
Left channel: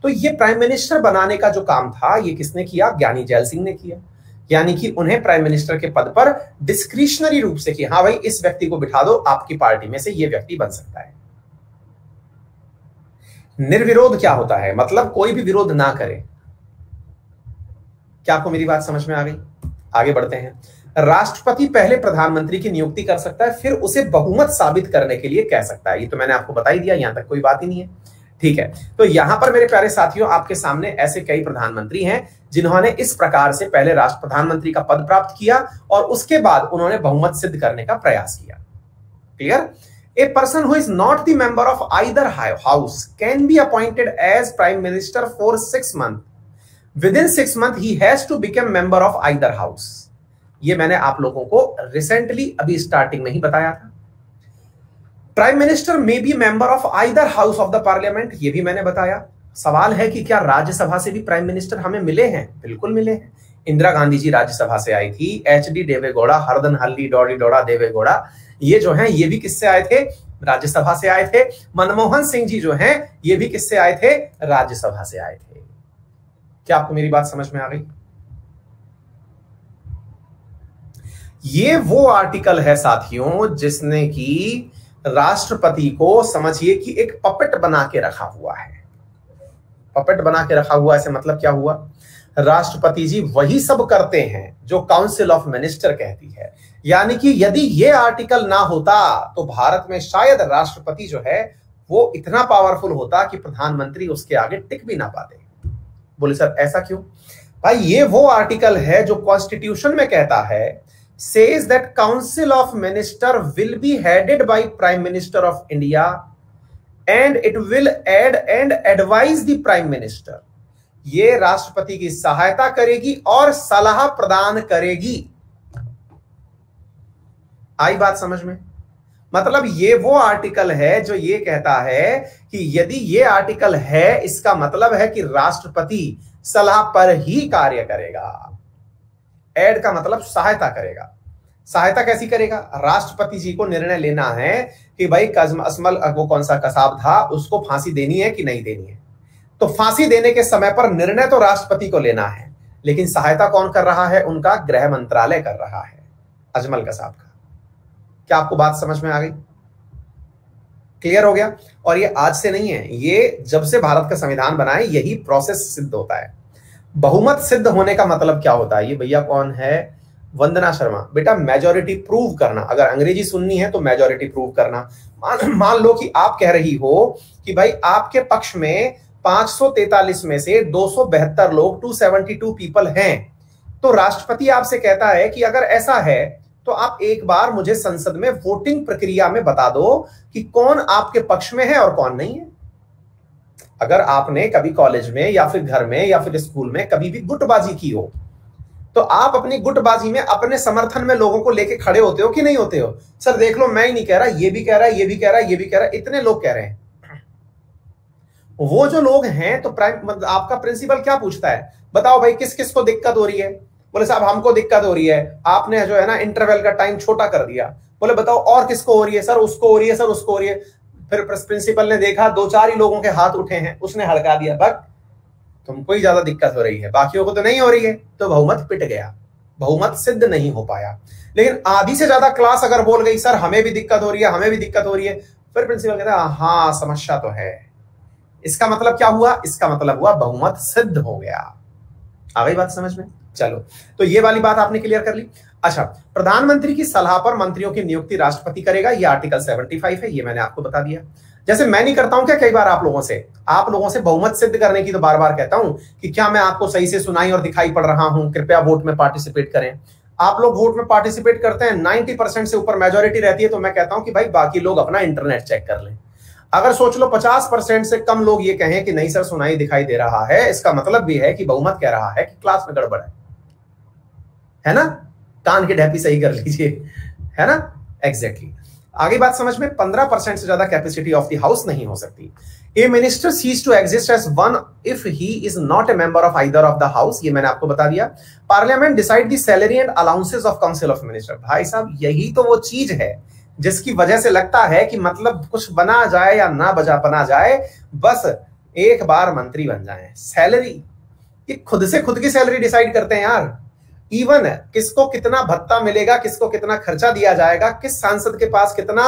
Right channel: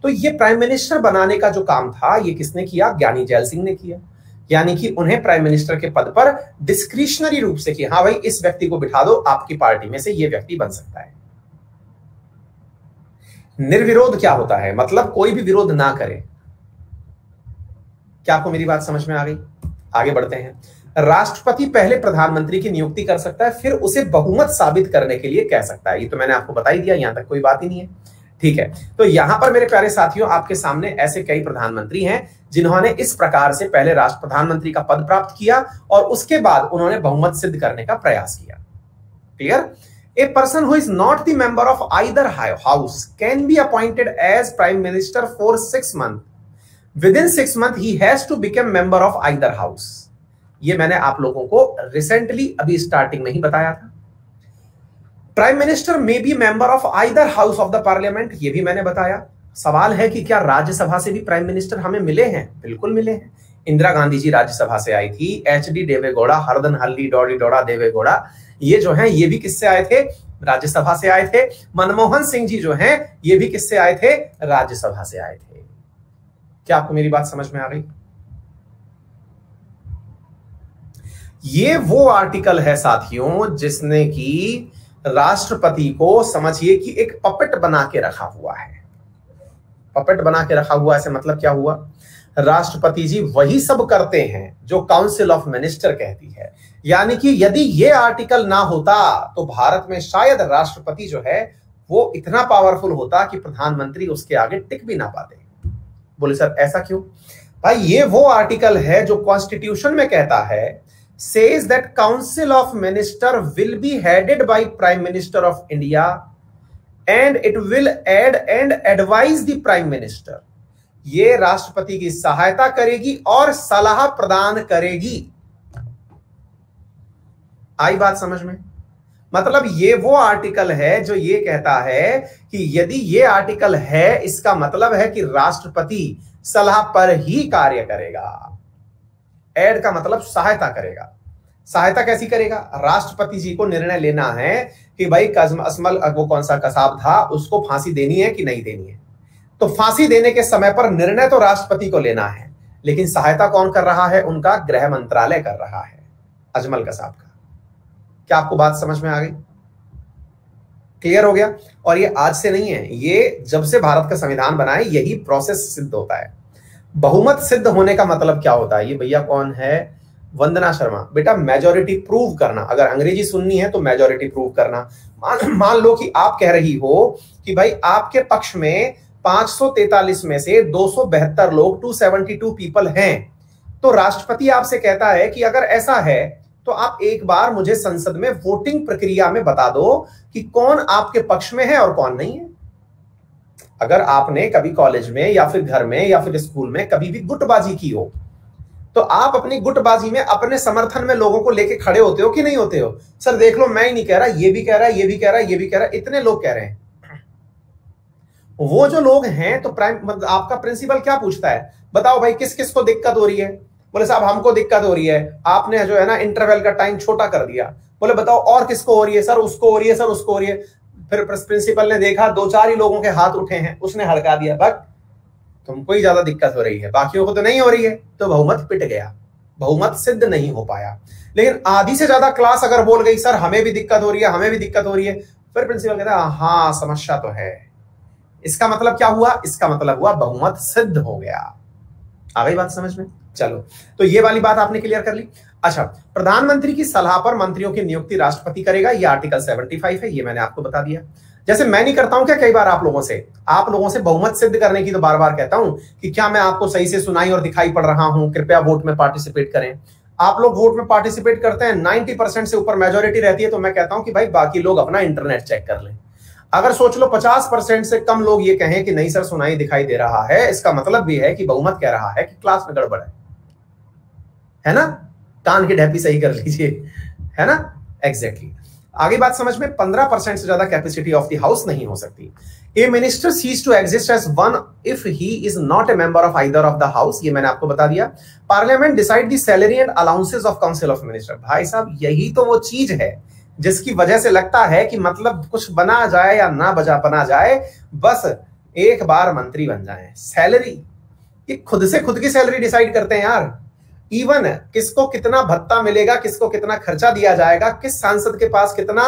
तो ये प्राइम मिनिस्टर बनाने का जो काम था ये किसने किया? ज्ञानी जैल सिंह ने किया। यानी कि उन्हें प्राइम मिनिस्टर के पद पर डिस्क्रिशनरी रूप से कि हाँ भाई इस व्यक्ति को बिठा दो, आपकी पार्टी में से ये व्यक्ति बन सकता है। निर्विरोध क्या होता है? मतलब कोई भी विरोध ना करे। क्या आपको मेरी बात समझ में आ गई? आगे बढ़ते हैं। राष्ट्रपति पहले प्रधानमंत्री की नियुक्ति कर सकता है, फिर उसे बहुमत साबित करने के लिए कह सकता है। ये तो मैंने आपको बता ही दिया, यहां तक कोई बात ही नहीं है। ठीक है, तो यहां पर मेरे प्यारे साथियों आपके सामने ऐसे कई प्रधानमंत्री हैं जिन्होंने इस प्रकार से पहले राष्ट्र प्रधानमंत्री का पद प्राप्त किया और उसके बाद उन्होंने बहुमत सिद्ध करने का प्रयास किया। Clear? A person who is not the member of either house can be appointed as prime minister for 6 months। Within 6 months he has to become member of either house. ये मैंने आप लोगों को रिसेंटली अभी स्टार्टिंग में ही बताया था। Prime minister may be member of either house of the parliament, ये भी मैंने बताया। सवाल है कि क्या राज्यसभा से भी प्राइम मिनिस्टर हमें मिले हैं? बिल्कुल मिले हैं। इंदिरा गांधी जी राज्यसभा से आई थी, एच.डी. देवेगौड़ा, हरदन हल्ली डोडी डोड़ा देवेगौड़ा, ये जो हैं ये भी किससे आए थे? राज्यसभा से आए थे। मनमोहन सिंह जी जो हैं ये भी किससे आए थे? राज्यसभा से आए थे। क्या आपको मेरी बात समझ में आ गई? ये वो आर्टिकल है साथियों जिसने कि राष्ट्रपति को समझिए कि एक पपेट बना के रखा हुआ है। पपेट बना के रखा हुआ, ऐसे मतलब क्या हुआ? राष्ट्रपति जी वही सब करते हैं जो काउंसिल ऑफ मिनिस्टर कहती है। यानी कि यदि ये आर्टिकल ना होता तो भारत में शायद राष्ट्रपति जो है वो इतना पावरफुल होता कि प्रधानमंत्री उसके आगे टिक भी ना पाते। बोले सर ऐसा क्यों? भाई ये वो आर्टिकल है जो कॉन्स्टिट्यूशन में कहता है, says that council of minister will be headed by prime minister of India and it will aid and advise the prime minister। ये राष्ट्रपति की सहायता करेगी और सलाह प्रदान करेगी। आई बात समझ में? मतलब ये वो आर्टिकल है जो ये कहता है कि यदि ये आर्टिकल है इसका मतलब है कि राष्ट्रपति सलाह पर ही कार्य करेगा। एड का मतलब सहायता करेगा। सहायता कैसी करेगा? राष्ट्रपति जी को निर्णय लेना है कि भाई असमल वो कौन सा कसाब था उसको फांसी देनी है कि नहीं देनी है, तो फांसी देने के समय पर निर्णय तो राष्ट्रपति को लेना है, लेकिन सहायता कौन कर रहा है? उनका गृह मंत्रालय कर रहा है, अजमल कसाब का। क्या आपको बात समझ में आ गई? क्लियर हो गया? और ये आज से नहीं है, ये जब से भारत का संविधान बना है यही प्रोसेस सिद्ध होता है। बहुमत सिद्ध होने का मतलब क्या होता है? ये भैया कौन है? वंदना शर्मा। बेटा मेजॉरिटी प्रूव करना, अगर अंग्रेजी सुननी है तो मेजॉरिटी प्रूव करना। मान लो कि आप कह रही हो कि भाई आपके पक्ष में 543 में से 272 लोग 272 पीपल हैं, तो राष्ट्रपति आपसे कहता है कि अगर ऐसा है तो आप एक बार मुझे संसद में वोटिंग प्रक्रिया में बता दो कि कौन आपके पक्ष में है और कौन नहीं है। अगर आपने कभी कॉलेज में या फिर घर में या फिर स्कूल में कभी भी गुटबाजी की हो तो आप अपनी गुटबाजी में अपने समर्थन में लोगों को लेके खड़े होते हो कि नहीं होते हो? सर देख लो मैं ही नहीं कह रहा, ये भी कह रहा है, ये भी कह रहा है, ये भी कह रहा है, इतने लोग कह रहे हैं। वो जो लोग हैं तो आपका प्रिंसिपल क्या पूछता है? बताओ भाई किस किस को दिक्कत हो रही है? बोले साहब हमको दिक्कत हो रही है, आपने जो है ना इंटरवल का टाइम छोटा कर दिया। बोले बताओ और किसको हो रही है? सर उसको हो रही है, सर उसको हो रही है। फिर प्रिंसिपल ने देखा 2-4 ही लोगों के हाथ उठे हैं, उसने हड़का दिया, बट तुमको ही ज्यादा दिक्कत हो रही है, बाकियों को तो नहीं हो रही है, तो बहुमत पिट गया, बहुमत सिद्ध नहीं हो पाया। लेकिन आधी से ज्यादा क्लास अगर बोल गई सर हमें भी दिक्कत हो रही है, हमें भी दिक्कत हो रही है, फिर प्रिंसिपल कहता है हाँ समस्या तो है। इसका मतलब क्या हुआ? इसका मतलब हुआ बहुमत सिद्ध हो गया। आ गई बात समझ में? चलो, तो ये वाली बात आपने क्लियर कर ली। अच्छा, प्रधानमंत्री की सलाह पर मंत्रियों की नियुक्ति राष्ट्रपति करेगा, ये आर्टिकल 75 है, ये मैंने आपको बता दिया। जैसे मैं नहीं करता हूं क्या कई बार आप लोगों से बहुमत सिद्ध करने की तो बार बार कहता हूं कि क्या मैं आपको सही से सुनाई और दिखाई पड़ रहा हूं? कृपया वोट में पार्टिसिपेट करें। आप लोग वोट में पार्टिसिपेट करते हैं, 90% से ऊपर मेजोरिटी रहती है, तो मैं कहता हूं कि भाई बाकी लोग अपना इंटरनेट चेक कर लें। अगर सोच लो 50% से कम लोग ये कहें कि नहीं सर सुनाई दिखाई दे रहा है, इसका मतलब भी है कि बहुमत कह रहा है कि क्लास में गड़बड़ है ना? कान की ढेपी सही कर लीजिए, है ना? एग्जैक्टली। आगे बात समझ में, 15% से ज्यादा कैपेसिटी ऑफ द हाउस नहीं हो सकती। A minister ceases to exist as one if he is not a member of either of the house, ये मैंने आपको बता दिया। Parliament decide the salary and allowances of council of minister. भाई साहब यही तो वो चीज है जिसकी वजह से लगता है कि मतलब कुछ बना जाए या ना बना जाए, बस एक बार मंत्री बन जाए। सैलरी, ये खुद से खुद की सैलरी डिसाइड करते हैं यार। इवन किसको कितना भत्ता मिलेगा, किसको कितना खर्चा दिया जाएगा, किस सांसद के पास कितना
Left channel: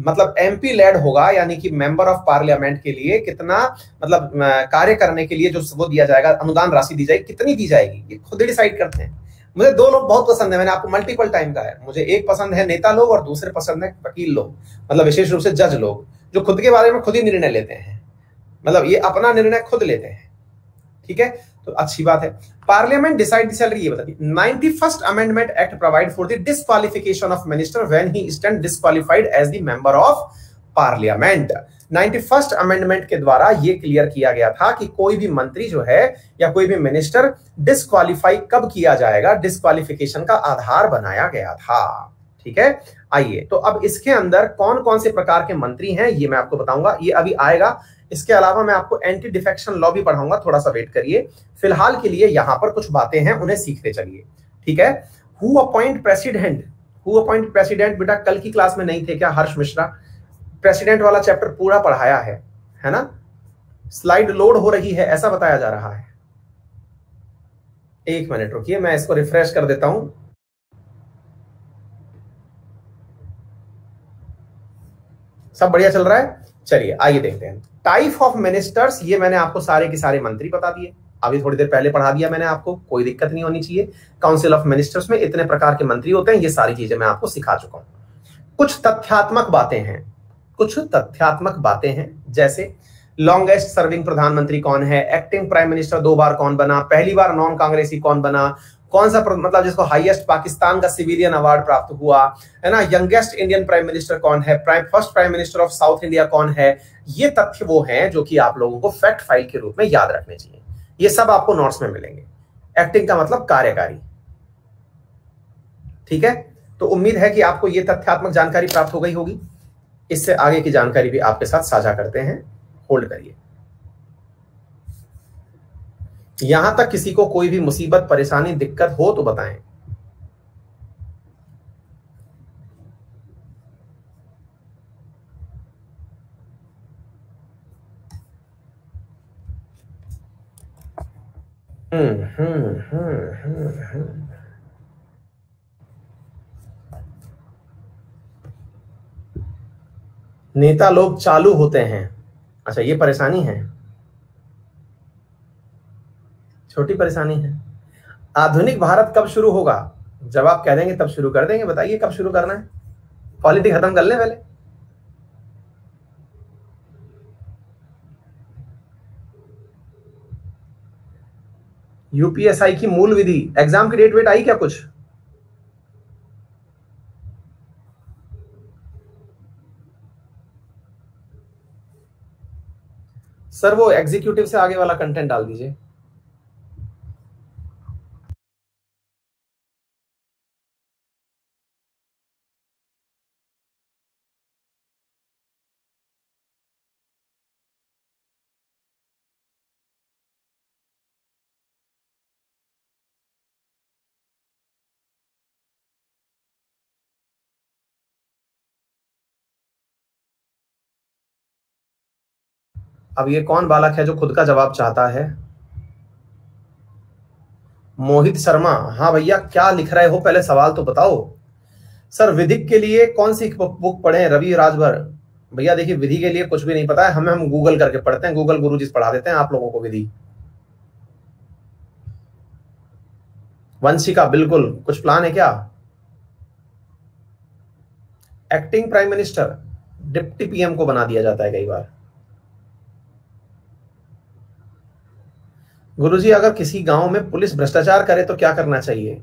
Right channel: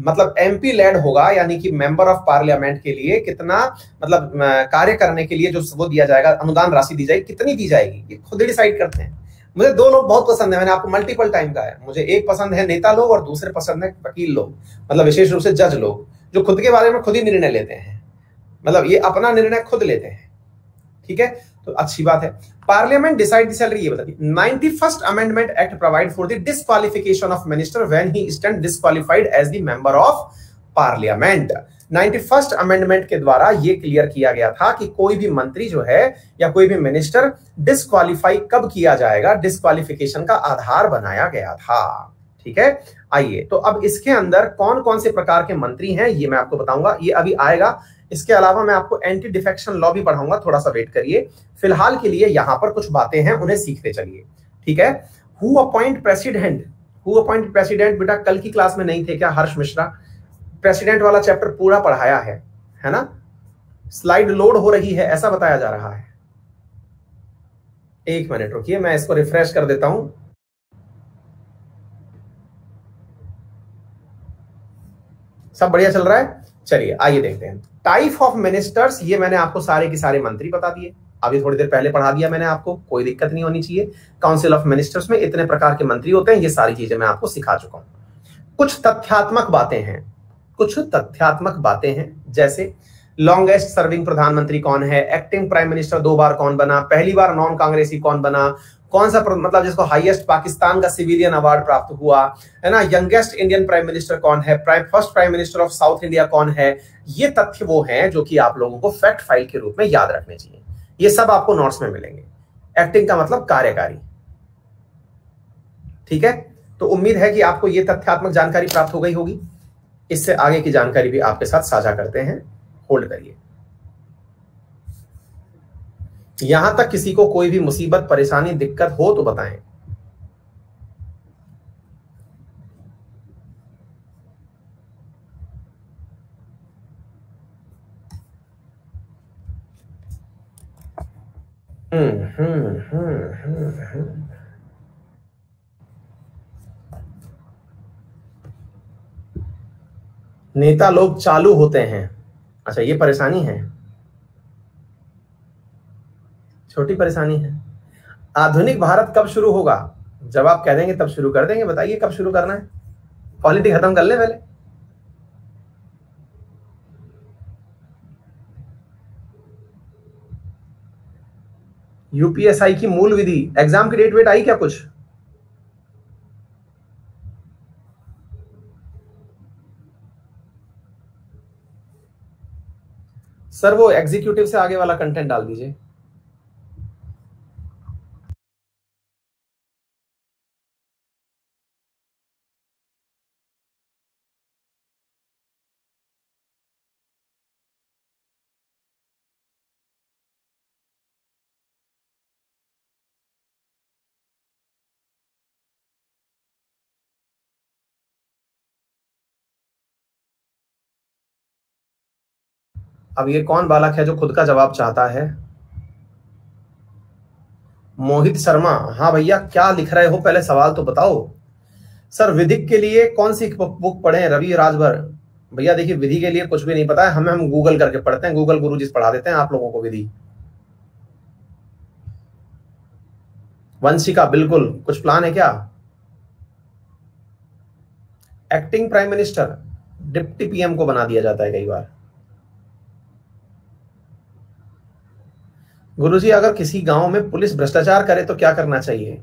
मतलब एमपी लेड होगा, यानी कि मेंबर ऑफ पार्लियामेंट के लिए कितना मतलब कार्य करने के लिए जो वो दिया जाएगा, अनुदान राशि दी जाएगी, कितनी दी जाएगी, ये खुद डिसाइड करते हैं। मुझे दो लोग बहुत पसंद है, मैंने आपको मल्टीपल टाइम कहा है। मुझे एक पसंद है नेता लोग और दूसरे पसंद है वकील लोग, मतलब विशेष रूप से जज लोग, जो खुद के बारे में खुद ही निर्णय लेते हैं, मतलब ये अपना निर्णय खुद लेते हैं। ठीक है, तो अच्छी बात है। पार्लियामेंट डिसाइड द सैलरी, ये बता दी। 91st amendment act provide for the disqualification of minister when he stand disqualified as the member of parliament. 91st amendment के द्वारा ये क्लियर किया गया था कि कोई भी मंत्री जो है या कोई भी मिनिस्टर डिस्क्वालीफाई कब किया जाएगा, डिस्क्वालिफिकेशन का आधार बनाया गया था। ठीक है, आइए तो अब इसके अंदर कौन कौन से प्रकार के मंत्री हैं ये मैं आपको बताऊंगा, ये अभी आएगा। इसके अलावा मैं आपको एंटी डिफेक्शन लॉ भी पढ़ाऊंगा, थोड़ा सा वेट करिए। फिलहाल के लिए यहां पर कुछ बातें हैं, उन्हें सीखते चलिए। ठीक है, who appoint president, who appoint president, बेटा कल की क्लास में नहीं थे क्या हर्ष मिश्रा? प्रेसिडेंट वाला चैप्टर पूरा पढ़ाया है ना? स्लाइड लोड हो रही है ऐसा बताया जा रहा है। एक मिनट रुकिए, मैं इसको रिफ्रेश कर देता हूं। सब बढ़िया चल रहा है? चलिए आइए देखते हैं। टाइप ऑफ मिनिस्टर्स, ये मैंने आपको सारे के सारे मंत्री बता दिए, अभी थोड़ी देर पहले पढ़ा दिया मैंने आपको, कोई दिक्कत नहीं होनी चाहिए। काउंसिल ऑफ मिनिस्टर्स में इतने प्रकार के मंत्री होते हैं, ये सारी चीजें मैं आपको सिखा चुका हूं। कुछ तथ्यात्मक बातें हैं, कुछ तथ्यात्मक बातें हैं, जैसे लॉन्गेस्ट सर्विंग प्रधानमंत्री कौन है, एक्टिंग प्राइम मिनिस्टर 2 बार कौन बना, पहली बार नॉन कांग्रेसी कौन बना, कौन सा मतलब जिसको हाईएस्ट पाकिस्तान का सिविलियन अवार्ड प्राप्त हुआ, है ना, यंगेस्ट इंडियन प्राइम मिनिस्टर कौन है, first prime minister of south India कौन है। ये तथ्य वो हैं जो कि आप लोगों को फैक्ट फाइल के रूप में याद रखने चाहिए। ये सब आपको नोट्स में मिलेंगे। एक्टिंग का मतलब कार्यकारी। ठीक है, तो उम्मीद है कि आपको ये तथ्यात्मक जानकारी प्राप्त हो गई होगी। इससे आगे की जानकारी भी आपके साथ साझा करते हैं, होल्ड करिए। यहां तक किसी को कोई भी मुसीबत, परेशानी, दिक्कत हो तो बताएं। नेता लोग चालू होते हैं, अच्छा ये परेशानी है, छोटी परेशानी है। आधुनिक भारत कब शुरू होगा? जब आप कह देंगे तब शुरू कर देंगे। बताइए कब शुरू करना है? पॉलिटिक्स खत्म कर ले पहले। यूपीएसआई की मूल विधि, एग्जाम की डेट वेट आई क्या कुछ? सर वो एग्जीक्यूटिव से आगे वाला कंटेंट डाल दीजिए। अब ये कौन बालक है जो खुद का जवाब चाहता है? मोहित शर्मा, हाँ भैया क्या लिख रहे हो, पहले सवाल तो बताओ। सर विधिक के लिए कौन सी बुक पढ़े? रवि राजभर। भैया देखिए विधि के लिए कुछ भी नहीं पता है हमें, हम गूगल करके पढ़ते हैं, गूगल गुरुजी पढ़ा देते हैं आप लोगों को विधि। वंशिका, बिल्कुल कुछ प्लान है क्या? Acting prime minister deputy PM को बना दिया जाता है कई बार। गुरुजी अगर किसी गांव में पुलिस भ्रष्टाचार करे तो क्या करना चाहिए?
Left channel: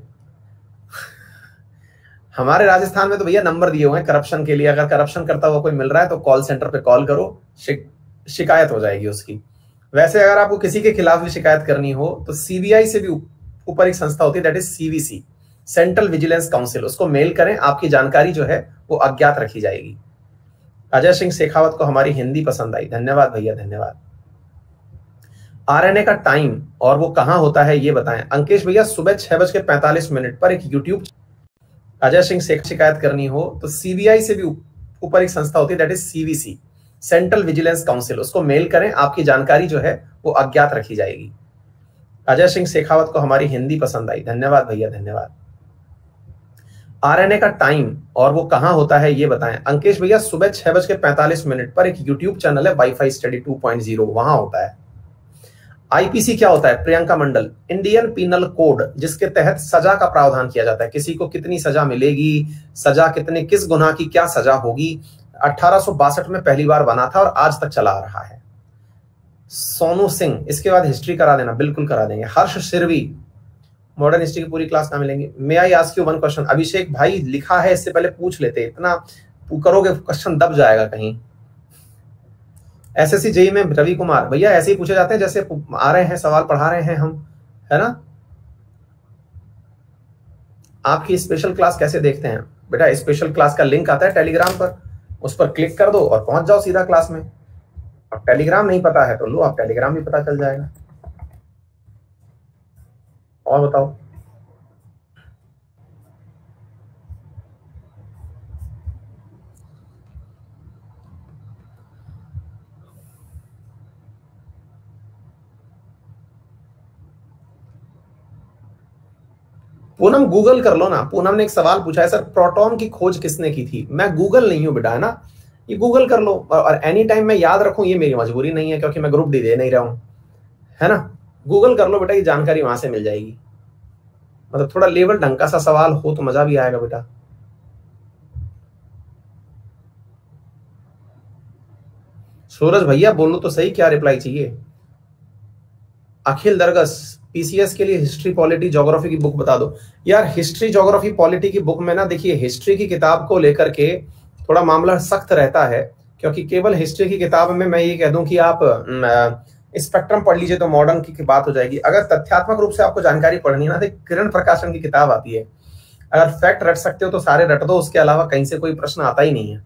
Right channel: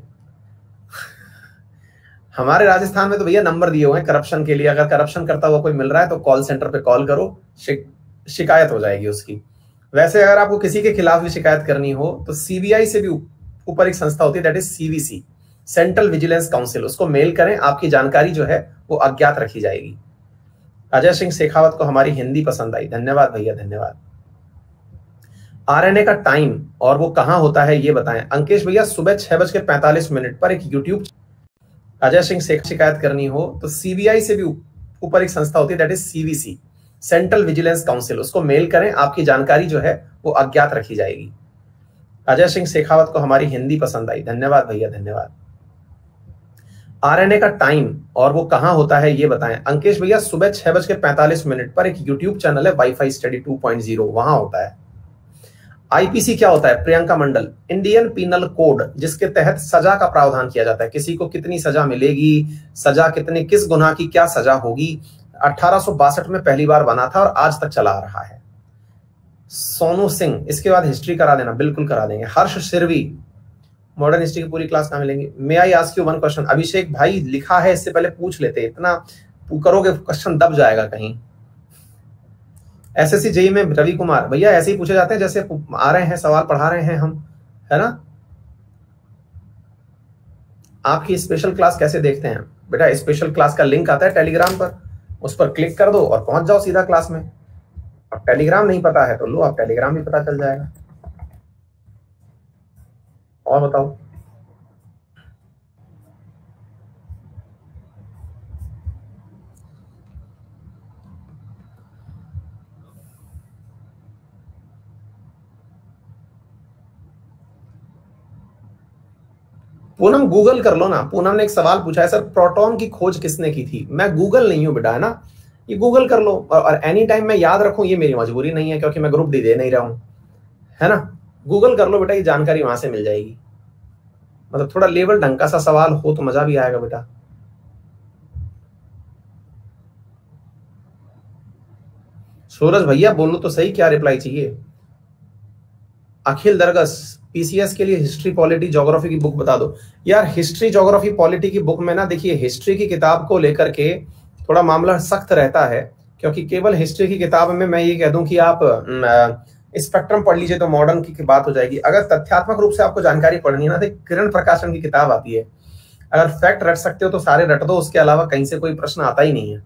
हमारे राजस्थान में तो भैया नंबर दिए हुए हैं करप्शन के लिए, अगर करप्शन करता हुआ कोई मिल रहा है तो कॉल सेंटर पे कॉल करो, शिकायत हो जाएगी उसकी। वैसे अगर आपको किसी के खिलाफ भी शिकायत करनी हो तो सीबीआई से भी ऊपर एक संस्था होती है, that is CVC, central vigilance council, उसको मेल करें, आपकी जानकारी जो है वो अज्ञात रखी जाएगी। अजय सिंह शेखावत को हमारी हिंदी पसंद आई, धन्यवाद भैया धन्यवाद। आरएनए का टाइम और वो कहां होता है ये बताएं। अंकेश भैया सुबह 6:45 पर एक यूट्यूब। अजय सिंह से शिकायत करनी हो तो सीबीआई से भी ऊपर एक संस्था होती है, that is CVC, central vigilance council, उसको मेल करें, आपकी जानकारी जो है वो अज्ञात रखी जाएगी। अजय सिंह शेखावत को हमारी हिंदी पसंद आई, धन्यवाद भैया धन्यवाद। आरएनए का टाइम और वो कहां होता है ये बताएं। अंकेश भैया सुबह 6:45 पर एक यूट्यूब चैनल है वाईफाई स्टडी 2.0, वहां होता है। आईपीसी क्या होता है प्रियंका मंडल? इंडियन पीनल कोड, जिसके तहत सजा का प्रावधान किया जाता है, किसी को कितनी सजा मिलेगी, सजा कितने, किस गुनाह की क्या सजा होगी। 1862 में पहली बार बना था और आज तक चला आ रहा है। सोनू सिंह, इसके बाद हिस्ट्री करा देना, बिल्कुल करा देंगे। हर्ष सिरवी, मॉडर्न हिस्ट्री की पूरी क्लास कहां मिलेंगी। May I ask you one question? Abhishek भाई लिखा है, इससे पहले पूछ लेते, इतना करोगे क्वेश्चन दब जाएगा कहीं। एसएससी जेई में रवि कुमार, भैया ऐसे ही पूछे जाते हैं जैसे आ रहे हैं, सवाल पढ़ा रहे हैं हम, है ना। आपकी स्पेशल क्लास कैसे देखते हैं बेटा? स्पेशल क्लास का लिंक आता है टेलीग्राम पर, उस पर क्लिक कर दो और पहुंच जाओ सीधा क्लास में। अब टेलीग्राम नहीं पता है तो लो, आप टेलीग्राम भी पता चल जाएगा। और बताओ। पूनम गूगल कर लो ना। पूनम ने एक सवाल पूछा है, सर प्रोटॉन की खोज किसने की थी? मैं गूगल नहीं हूं बेटा, है ना, ये गूगल कर लो। और एनी टाइम मैं याद रखूं ये मेरी मजबूरी नहीं है, क्योंकि मैं ग्रुप डी दे नहीं रहा हूं, है ना। गूगल कर लो बेटा, ये जानकारी वहां से मिल जाएगी। मतलब थोड़ा लेवल ढंग का सा सवाल हो तो मजा भी आएगा बेटा। सूरज भैया बोलो तो सही, क्या रिप्लाई चाहिए? अखिल दरगस, पीसीएस के लिए हिस्ट्री पॉलिटी ज्योग्राफी की बुक बता दो। यार हिस्ट्री ज्योग्राफी पॉलिटी की बुक में ना, देखिए हिस्ट्री की किताब को लेकर के थोड़ा मामला सख्त रहता है, क्योंकि केवल हिस्ट्री की किताब में मैं ये कह दूं कि आप स्पेक्ट्रम पढ़ लीजिए तो मॉडर्न की बात हो जाएगी। अगर तथ्यात्मक रूप से आपको जानकारी पढ़नी है ना, तो किरण प्रकाशन की किताब आती है, अगर फैक्ट रट सकते हो तो सारे रट दो, उसके अलावा कहीं से कोई प्रश्न आता ही नहीं है।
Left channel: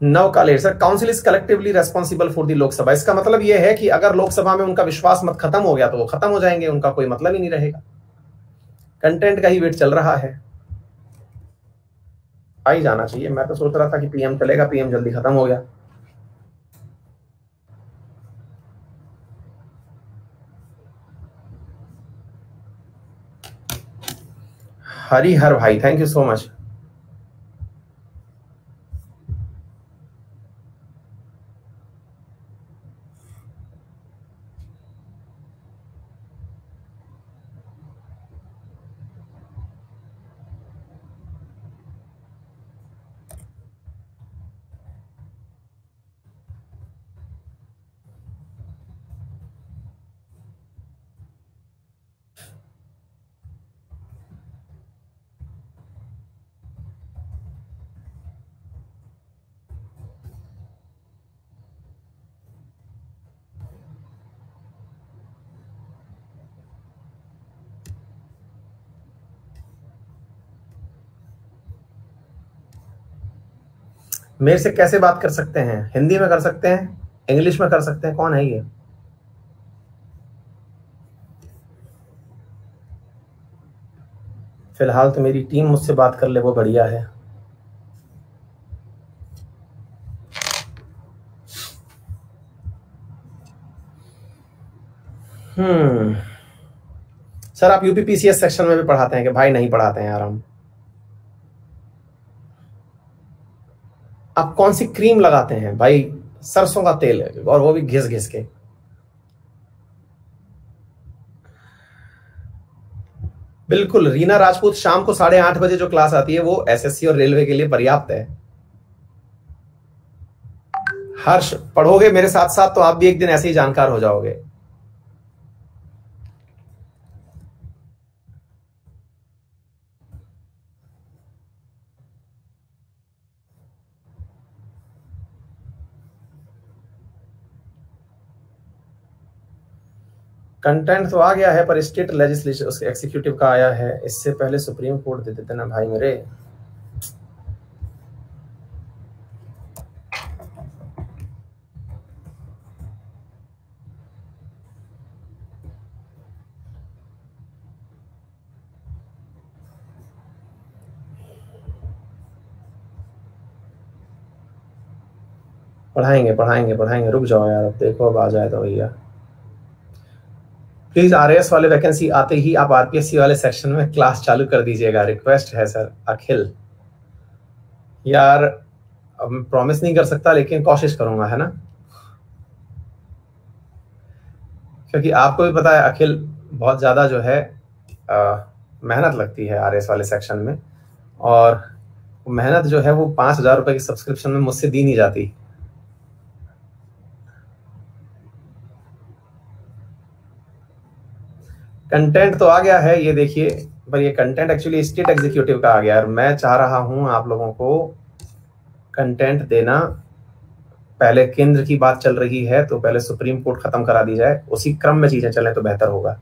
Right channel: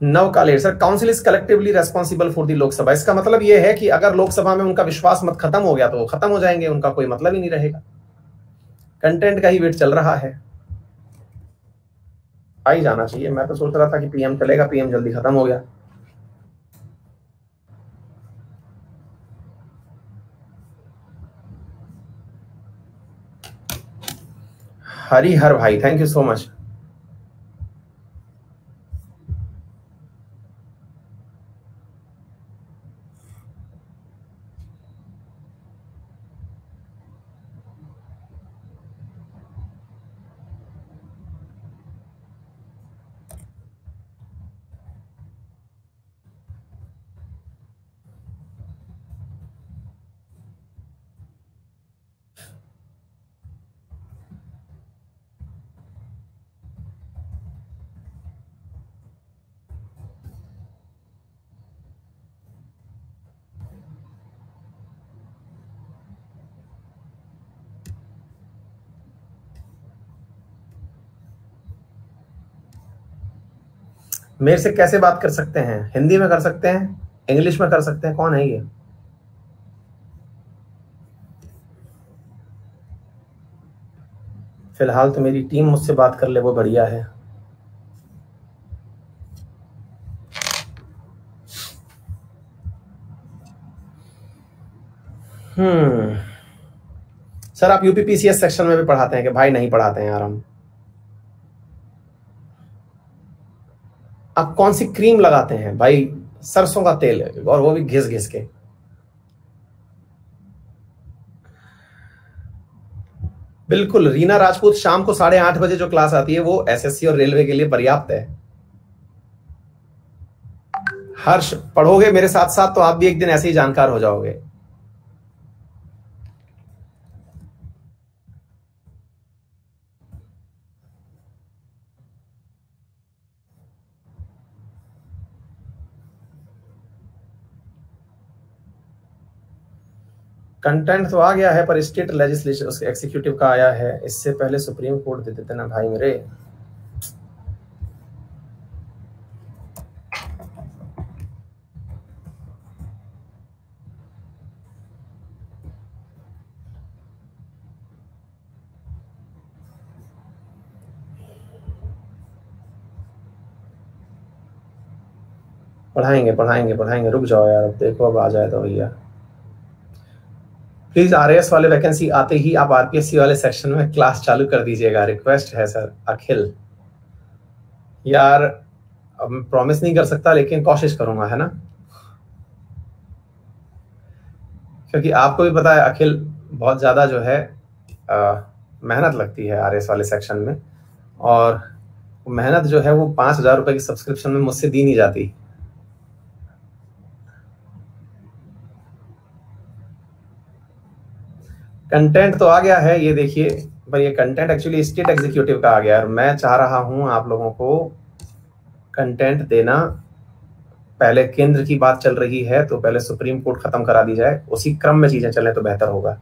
नव कालेर, sir council is collectively responsible for the Lok Sabha. इसका मतलब यह है कि अगर लोकसभा में उनका विश्वास मत खत्म हो गया तो वो खत्म हो जाएंगे, उनका कोई मतलब ही नहीं रहेगा। कंटेंट का ही वेट चल रहा है, आ ही जाना चाहिए। मैं तो सोच रहा था कि पीएम चलेगा, पीएम जल्दी खत्म हो गया। हरी हर भाई, थैंक यू सो मच। मेरे से कैसे बात कर सकते हैं? हिंदी में कर सकते हैं, इंग्लिश में कर सकते हैं, कौन है ये? फिलहाल तो मेरी टीम मुझसे बात कर ले, वो बढ़िया है। सर आप यूपीपीसीएस सेक्शन में भी पढ़ाते हैं कि? भाई नहीं पढ़ाते हैं यार हम। आप कौन सी क्रीम लगाते हैं भाई? सरसों का तेल है, और वो भी घिस घिस के। बिल्कुल, रीना राजपूत, शाम को 8:30 जो क्लास आती है वो एसएससी और रेलवे के लिए पर्याप्त है। हर्ष, पढ़ोगे मेरे साथ साथ तो आप भी एक दिन ऐसे ही जानकार हो जाओगे। कंटेंट तो आ गया है पर स्टेट लेजिस्लेचर उसके एग्जीक्यूटिव का आया है, इससे पहले सुप्रीम कोर्ट दे देते ना भाई मेरे। पढ़ाएंगे पढ़ाएंगे पढ़ाएंगे, रुक जाओ यार, अब देखो अब आ जाए तो भैया। प्लीज आरएएस वाले वैकेंसी आते ही आप आरपीएससी वाले सेक्शन में क्लास चालू कर दीजिएगा, रिक्वेस्ट है सर। अखिल यार अब प्रॉमिस नहीं कर सकता लेकिन कोशिश करूंगा, है ना, क्योंकि आपको भी पता है अखिल बहुत ज्यादा जो है मेहनत लगती है आरएएस वाले सेक्शन में, और मेहनत जो है वो 5,000 रुपए की सब्सक्रिप्शन में मुझसे दी नहीं जाती। कंटेंट तो आ गया है, ये देखिए, पर ये कंटेंट एक्चुअली स्टेट एग्जीक्यूटिव का आ गया और मैं चाह रहा हूं आप लोगों को कंटेंट देना। पहले केंद्र की बात चल रही है तो पहले सुप्रीम कोर्ट खत्म करा दी जाए, उसी क्रम में चीजें चलें तो बेहतर होगा।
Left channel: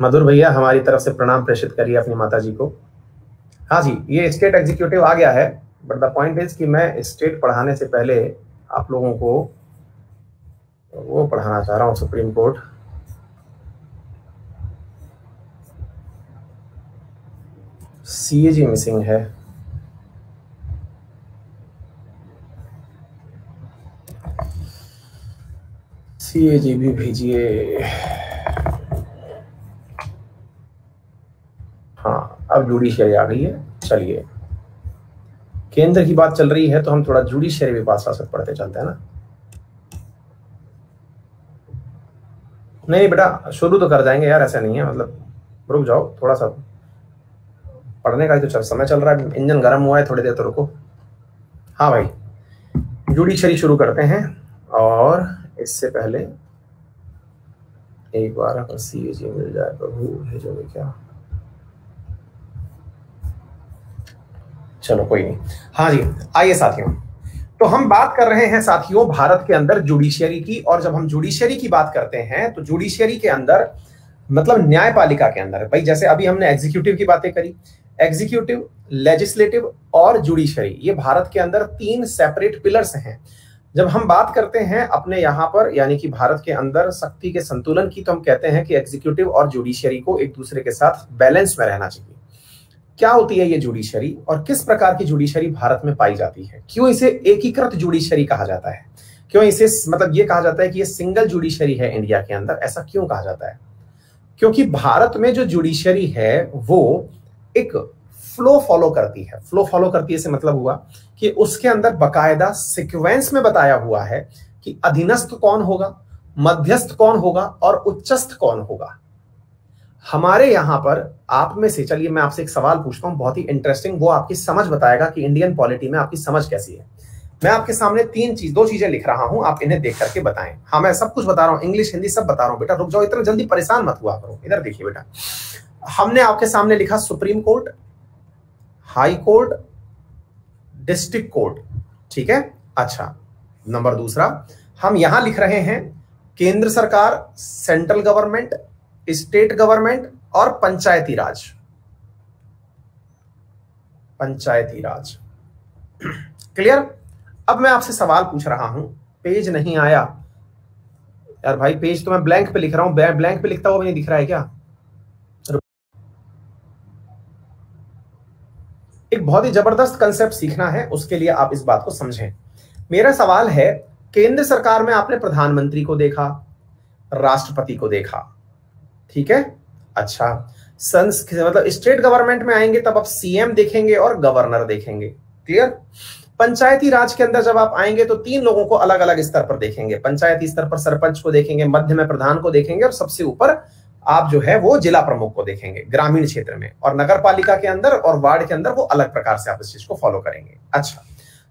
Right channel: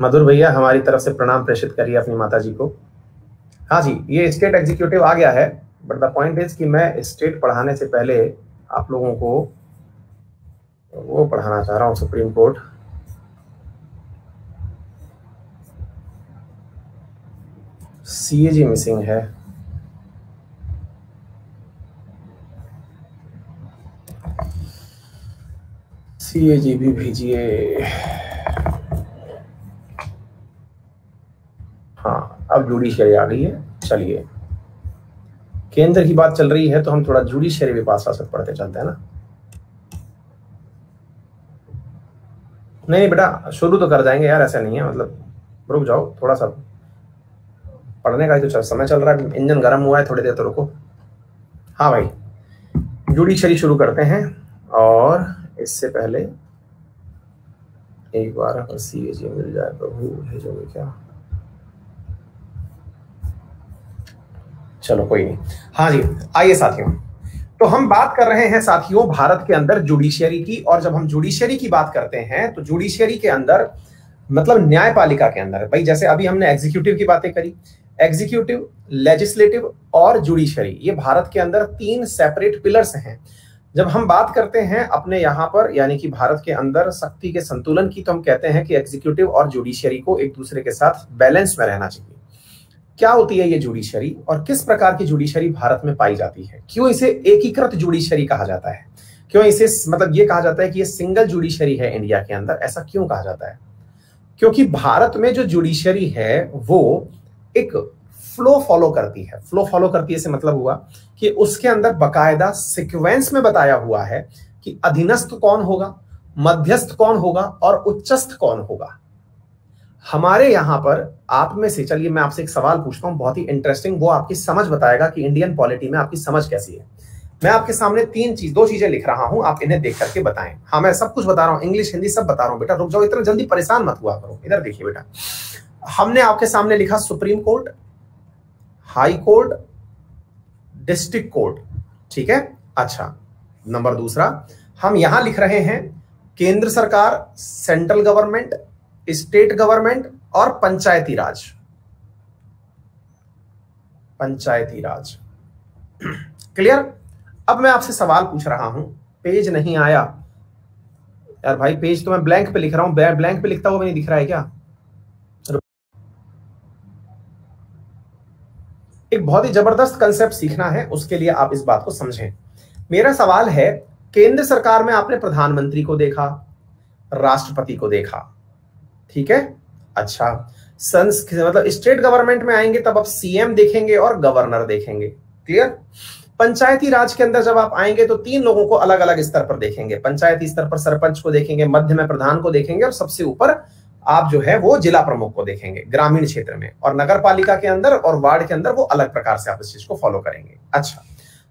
मधुर भैया हमारी तरफ से प्रणाम प्रेषित करिए अपनी माता जी को। हाँ जी, ये स्टेट एग्जीक्यूटिव आ गया है, बट द पॉइंट इज कि मैं स्टेट पढ़ाने से पहले आप लोगों को वो पढ़ाना चाह रहा हूं, सुप्रीम कोर्ट। सीएजी मिसिंग है, सीएजी भी भेजिए। हाँ अब जुडिशरी आ गई है, चलिए केंद्र की बात चल रही है तो हम थोड़ा जुडिशरी भी पास पास पढ़ते चलते हैं ना। नहीं बेटा शुरू तो कर जाएंगे यार, ऐसा नहीं है, मतलब रुक जाओ थोड़ा सा, पढ़ने का ही तो समय चल रहा है, इंजन गर्म हुआ है, थोड़ी देर तो रुको। हाँ भाई जुडिशरी शुरू करते हैं, और इससे पहले एक बार अगर सीएजी मिल जाए प्रभु भेजोगे क्या, चलो कोई नहीं। हाँ जी आइए साथियों, तो हम बात कर रहे हैं साथियों भारत के अंदर जुडिशियरी की, और जब हम जुडिशियरी की बात करते हैं तो जुडिशियरी के अंदर मतलब न्यायपालिका के अंदर भाई, जैसे अभी हमने एग्जीक्यूटिव की बातें करी, एग्जीक्यूटिव, लेजिस्लेटिव और जुडिशरी, ये भारत के अंदर 3 सेपरेट पिलर्स हैं। जब हम बात करते हैं अपने यहाँ पर यानी कि भारत के अंदर शक्ति के संतुलन की, तो हम कहते हैं कि एग्जीक्यूटिव और जुडिशरी को एक दूसरे के साथ बैलेंस में रहना चाहिए। क्या होती है ये जुडिशरी और किस प्रकार की जुडिशरी भारत में पाई जाती है, क्यों इसे एकीकृत जुडिशरी कहा जाता है, क्यों इसे मतलब ये कहा जाता है कि ये सिंगल जुडिशरी है इंडिया के अंदर, ऐसा क्यों कहा जाता है? क्योंकि भारत में जो जुडिशरी है वो एक फ्लो फॉलो करती है। फ्लो फॉलो करती है से मतलब हुआ कि उसके अंदर बकायदा सीक्वेंस में बताया हुआ है कि अधीनस्थ कौन होगा, मध्यस्थ कौन होगा और उच्चस्थ कौन होगा। हमारे यहां पर आप में से, चलिए मैं आपसे एक सवाल पूछता हूं बहुत ही इंटरेस्टिंग, वो आपकी समझ बताएगा कि इंडियन पॉलिटी में आपकी समझ कैसी है। मैं आपके सामने 2 चीजें लिख रहा हूं, आप इन्हें देख करके बताएं। हाँ मैं सब कुछ बता रहा हूं, इंग्लिश हिंदी सब बता रहा हूं बेटा, रुक जाओ इतना जल्दी परेशान मत हुआ करो। इधर देखिए बेटा, हमने आपके सामने लिखा supreme court, high court, district court, ठीक है। अच्छा नंबर दूसरा हम यहां लिख रहे हैं केंद्र सरकार, सेंट्रल गवर्नमेंट, स्टेट गवर्नमेंट और पंचायती राज। पंचायती राज क्लियर। अब मैं आपसे सवाल पूछ रहा हूं, पेज नहीं आया यार भाई, पेज तो मैं ब्लैंक पे लिख रहा हूं, ब्लैंक पे लिखता हुआ नहीं दिख रहा है क्या? एक बहुत ही जबरदस्त कंसेप्ट सीखना है, उसके लिए आप इस बात को समझें। मेरा सवाल है, केंद्र सरकार में आपने प्रधानमंत्री को देखा, राष्ट्रपति को देखा, ठीक है। अच्छा मतलब स्टेट गवर्नमेंट में आएंगे तब आप सीएम देखेंगे और गवर्नर देखेंगे, क्लियर। पंचायती राज के अंदर जब आप आएंगे तो 3 लोगों को अलग अलग स्तर पर देखेंगे। पंचायती स्तर पर सरपंच को देखेंगे, मध्य में प्रधान को देखेंगे और सबसे ऊपर आप जो है वो जिला प्रमुख को देखेंगे ग्रामीण क्षेत्र में, और नगर पालिका के अंदर और वार्ड के अंदर वो अलग प्रकार से आप इस चीज को फॉलो करेंगे। अच्छा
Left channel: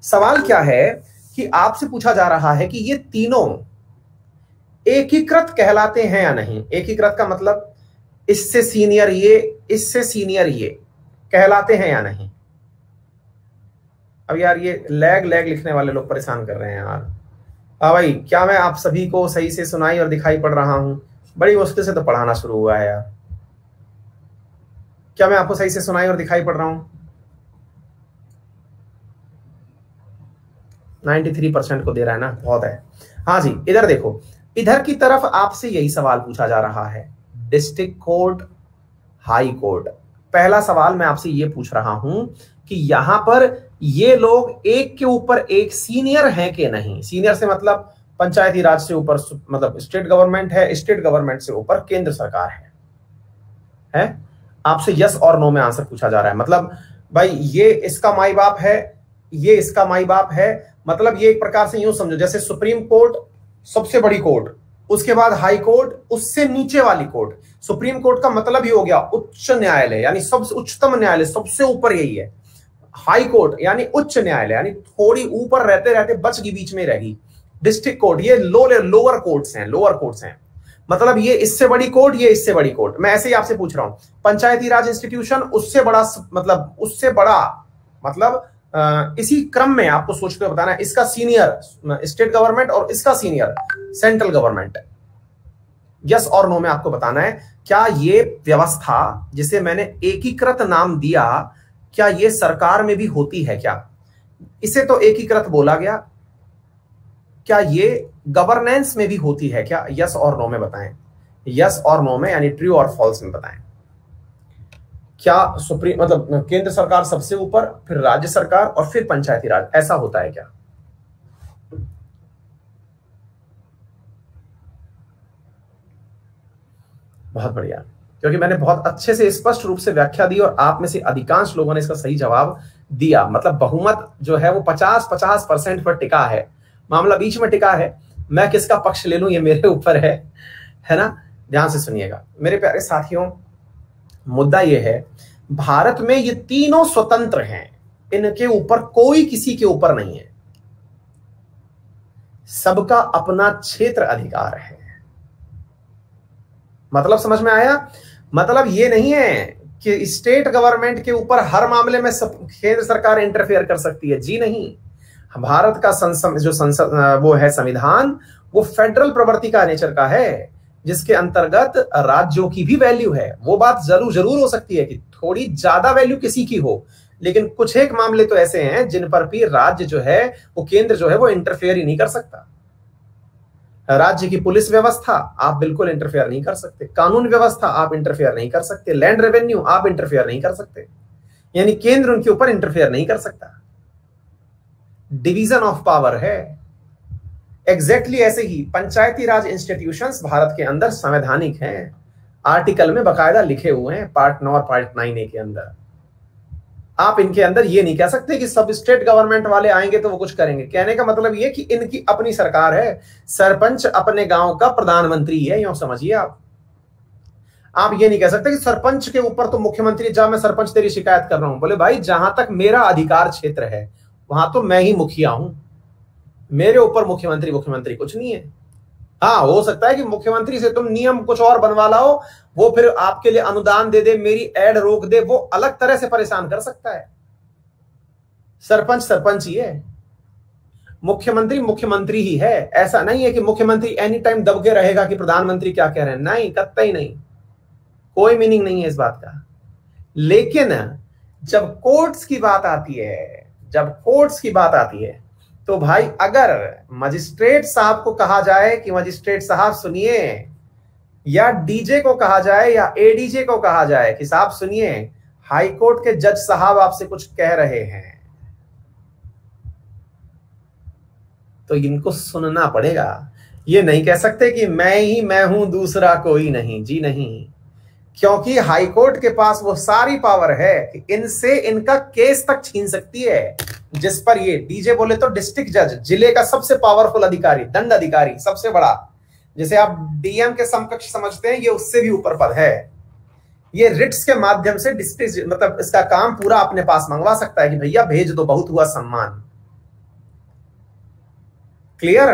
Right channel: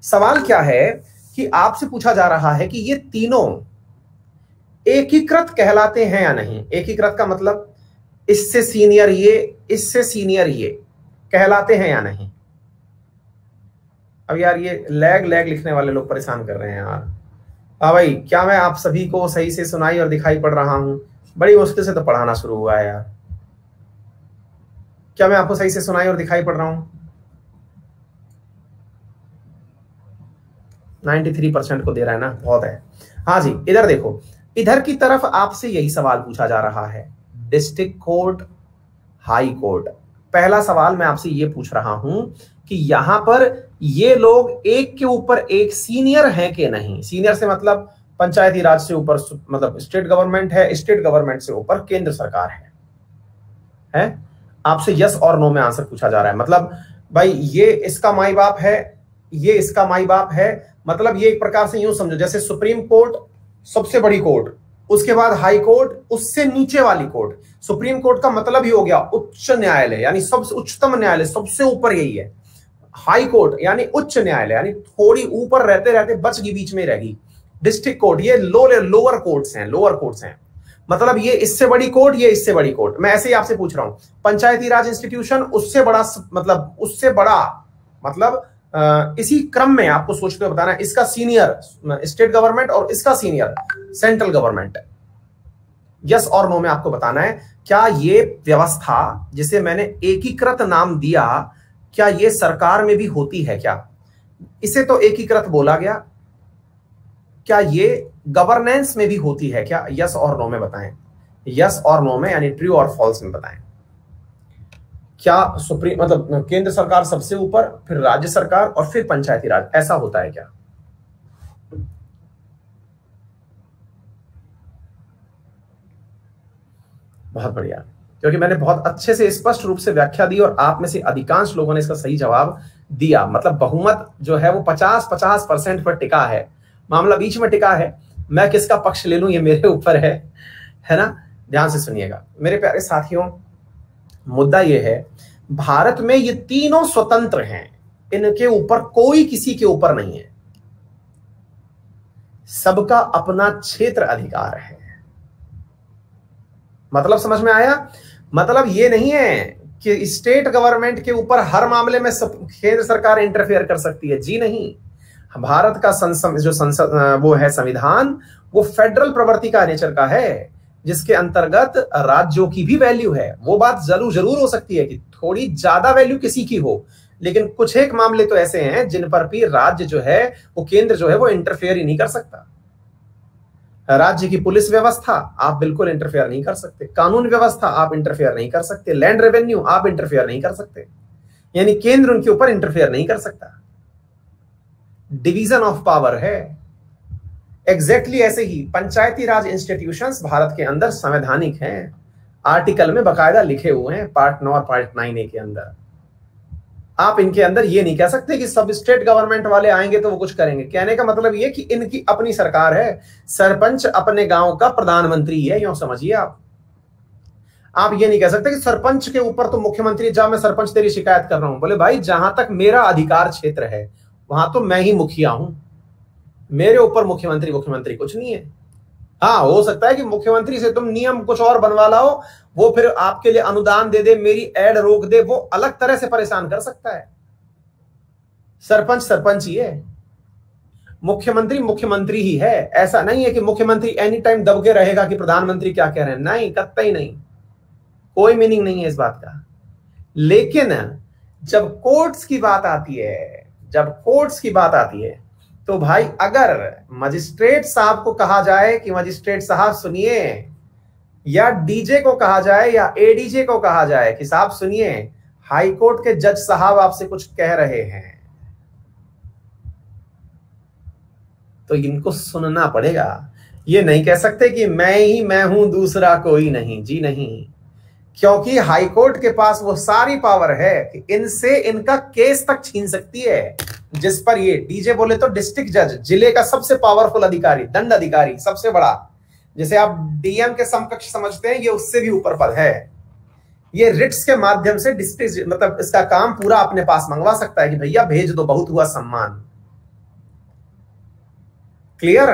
सवाल क्या है कि आपसे पूछा जा रहा है कि ये तीनों एकीकृत कहलाते हैं या नहीं। एकीकृत का मतलब इससे सीनियर ये, इससे सीनियर ये कहलाते हैं या नहीं। अब यार ये लैग लिखने वाले लोग परेशान कर रहे हैं यार, हाँ भाई, क्या मैं आप सभी को सही से सुनाई और दिखाई पड़ रहा हूं? बड़ी मुश्किल से तो पढ़ाना शुरू हुआ है यार। क्या मैं आपको सही से सुनाई और दिखाई पड़ रहा हूं? 93% को दे रहा है ना, बहुत है। हाँ जी, इधर देखो, इधर की तरफ आपसे यही सवाल पूछा जा रहा है, डिस्ट्रिक्ट कोर्ट, हाई कोर्ट। पहला सवाल मैं आपसे ये पूछ रहा हूं कि यहां पर ये लोग एक के ऊपर एक सीनियर हैं कि नहीं। सीनियर से मतलब पंचायती राज से ऊपर, मतलब स्टेट गवर्नमेंट है, स्टेट गवर्नमेंट से ऊपर केंद्र सरकार है? आपसे यस और नो में आंसर पूछा जा रहा है। मतलब भाई ये इसका माई बाप है, ये इसका माई बाप है। मतलब ये एक प्रकार से यूं समझो जैसे सुप्रीम कोर्ट सबसे बड़ी कोर्ट, उसके बाद हाई कोर्ट, उससे नीचे वाली कोर्ट। सुप्रीम कोर्ट का मतलब ही हो गया उच्च न्यायालय, यानी सबसे उच्चतम न्यायालय, सबसे ऊपर यही है। हाई कोर्ट यानी उच्च न्यायालय, यानी थोड़ी ऊपर रहते रहते बच की बीच में रहेगी। डिस्ट्रिक्ट कोर्ट ये लोअर कोर्ट्स हैं, लोअर कोर्ट्स हैं। मतलब ये इससे बड़ी कोर्ट, ये इससे बड़ी कोर्ट। मैं ऐसे ही आपसे पूछ रहा हूं, पंचायती राज इंस्टीट्यूशन उससे बड़ा, मतलब उससे बड़ा, मतलब इसी क्रम में आपको सोच के बताना है। इसका सीनियर स्टेट गवर्नमेंट और इसका सीनियर सेंट्रल गवर्नमेंट। यस और नो में आपको बताना है, क्या ये व्यवस्था जिसे मैंने एकीकृत नाम दिया, क्या ये सरकार में भी होती है क्या? इसे तो एकीकृत बोला गया, क्या ये गवर्नेंस में भी होती है क्या? यस और नो में बताएं। यस और नो में, यानी ट्रू और फॉल्स में बताएं। क्या सुप्रीम मतलब केंद्र सरकार सबसे ऊपर, फिर राज्य सरकार और फिर पंचायती राज, ऐसा होता है क्या? बहुत बढ़िया, क्योंकि मैंने बहुत अच्छे से स्पष्ट रूप से व्याख्या दी और आप में से अधिकांश लोगों ने इसका सही जवाब दिया। मतलब बहुमत जो है वो 50-50% पर टिका है, मामला बीच में टिका है। मैं किसका पक्ष ले लूं ये मेरे ऊपर है ना? ध्यान से सुनिएगा मेरे प्यारे साथियों, मुद्दा ये है, भारत में ये तीनों स्वतंत्र हैं, इनके ऊपर कोई किसी के ऊपर नहीं है, सबका अपना क्षेत्र अधिकार है। मतलब समझ में आया? मतलब ये नहीं है कि स्टेट गवर्नमेंट के ऊपर हर मामले में केंद्र सरकार इंटरफेयर कर सकती है, जी नहीं। भारत का संसद वो है संविधान, वो फेडरल प्रवृत्ति का नेचर का है, जिसके अंतर्गत राज्यों की भी वैल्यू है। वो बात जरूर हो सकती है कि थोड़ी ज्यादा वैल्यू किसी की हो, लेकिन कुछ एक मामले तो ऐसे हैं जिन पर भी राज्य जो है वो, केंद्र जो है वो इंटरफेयर ही नहीं कर सकता। राज्य की पुलिस व्यवस्था आप बिल्कुल इंटरफेयर नहीं कर सकते, कानून व्यवस्था आप इंटरफेयर नहीं कर सकते, लैंड रेवेन्यू आप इंटरफेयर नहीं कर सकते, यानी केंद्र उनके ऊपर इंटरफेयर नहीं कर सकता। डिवीजन ऑफ पावर है। एग्जैक्टली ऐसे ही पंचायती राज इंस्टीट्यूशंस भारत के अंदर संवैधानिक हैं, आर्टिकल में बकायदा लिखे हुए हैं, पार्ट 9 और पार्ट 9A के अंदर। आप इनके अंदर ये नहीं कह सकते कि सब स्टेट गवर्नमेंट वाले आएंगे तो वो कुछ करेंगे। कहने का मतलब ये कि इनकी अपनी सरकार है, सरपंच अपने गांव का प्रधानमंत्री है, यूं समझिए आप ये नहीं कह सकते कि सरपंच के ऊपर तो मुख्यमंत्री, जा मैं सरपंच तेरी शिकायत कर रहा हूं। बोले भाई जहां तक मेरा अधिकार क्षेत्र है वहां तो मैं ही मुखिया हूं, मेरे ऊपर मुख्यमंत्री कुछ नहीं है। हाँ, हो सकता है कि मुख्यमंत्री से तुम नियम कुछ और बनवा लाओ, वो फिर आपके लिए अनुदान दे दे, मेरी एड रोक दे, वो अलग तरह से परेशान कर सकता है। सरपंच ही है, मुख्यमंत्री ही है। ऐसा नहीं है कि मुख्यमंत्री एनी टाइम दबके रहेगा कि प्रधानमंत्री क्या कह रहे हैं, नहीं, कतई नहीं, कोई मीनिंग नहीं है इस बात का। लेकिन जब कोर्ट्स की बात आती है, तो भाई अगर मजिस्ट्रेट साहब को कहा जाए कि मजिस्ट्रेट साहब सुनिए, या डीजे को कहा जाए या एडीजे को कहा जाए कि साहब सुनिए, हाई कोर्ट के जज साहब आपसे कुछ कह रहे हैं, तो इनको सुनना पड़ेगा। ये नहीं कह सकते कि मैं हूं, दूसरा कोई नहीं, जी नहीं। क्योंकि हाई कोर्ट के पास वो सारी पावर है कि इनसे इनका केस तक छीन सकती है। जिस पर ये डीजे बोले तो डिस्ट्रिक्ट जज, जिले का सबसे पावरफुल अधिकारी, दंड अधिकारी, सबसे बड़ा, जिसे आप डीएम के समकक्ष समझते हैं, ये उससे भी ऊपर पद है। ये रिट्स के माध्यम से डिस्ट्रिक्ट मतलब इसका काम पूरा अपने पास मंगवा सकता है कि भैया भेज दो, बहुत हुआ सम्मान। क्लियर?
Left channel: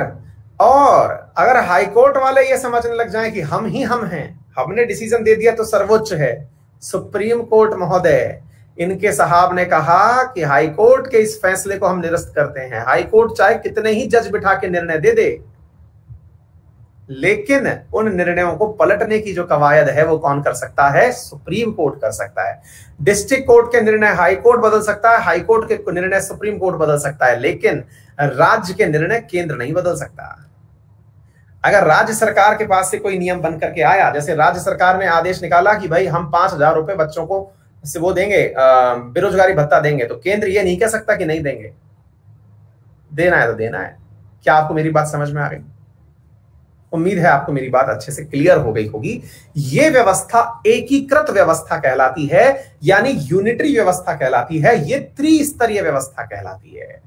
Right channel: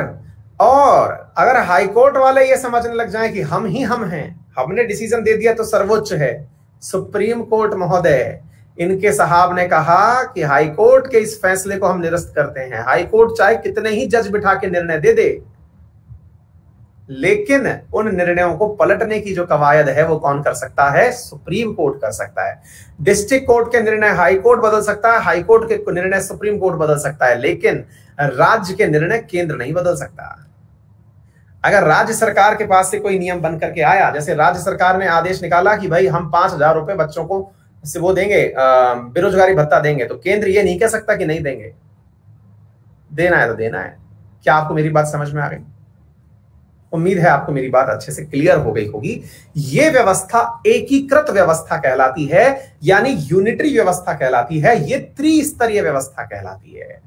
और अगर हाईकोर्ट वाले ये समझने लग जाएं कि हम हैं, हमने डिसीजन दे दिया तो सर्वोच्च है, सुप्रीम कोर्ट महोदय, इनके साहब ने कहा कि हाईकोर्ट के इस फैसले को हम निरस्त करते हैं। हाईकोर्ट चाहे कितने ही जज बिठा के निर्णय दे दे, लेकिन उन निर्णयों को पलटने की जो कवायद है वो कौन कर सकता है? सुप्रीम कोर्ट कर सकता है। डिस्ट्रिक्ट कोर्ट के निर्णय हाई कोर्ट बदल सकता है, हाई कोर्ट के निर्णय सुप्रीम कोर्ट बदल सकता है, लेकिन राज्य के निर्णय केंद्र नहीं बदल सकता। अगर राज्य सरकार के पास से कोई नियम बन करके आया, जैसे राज्य सरकार ने आदेश निकाला कि भाई हम 5,000 रुपए बच्चों को से वो देंगे, बेरोजगारी भत्ता देंगे, तो केंद्र ये नहीं कह सकता कि नहीं देंगे, देना है तो देना है। क्या आपको मेरी बात समझ में आ गई? उम्मीद है आपको मेरी बात अच्छे से क्लियर हो गई होगी। यह व्यवस्था एकीकृत व्यवस्था कहलाती है, यानी यूनिटरी व्यवस्था कहलाती है। यह त्रिस्तरीय व्यवस्था कहलाती है,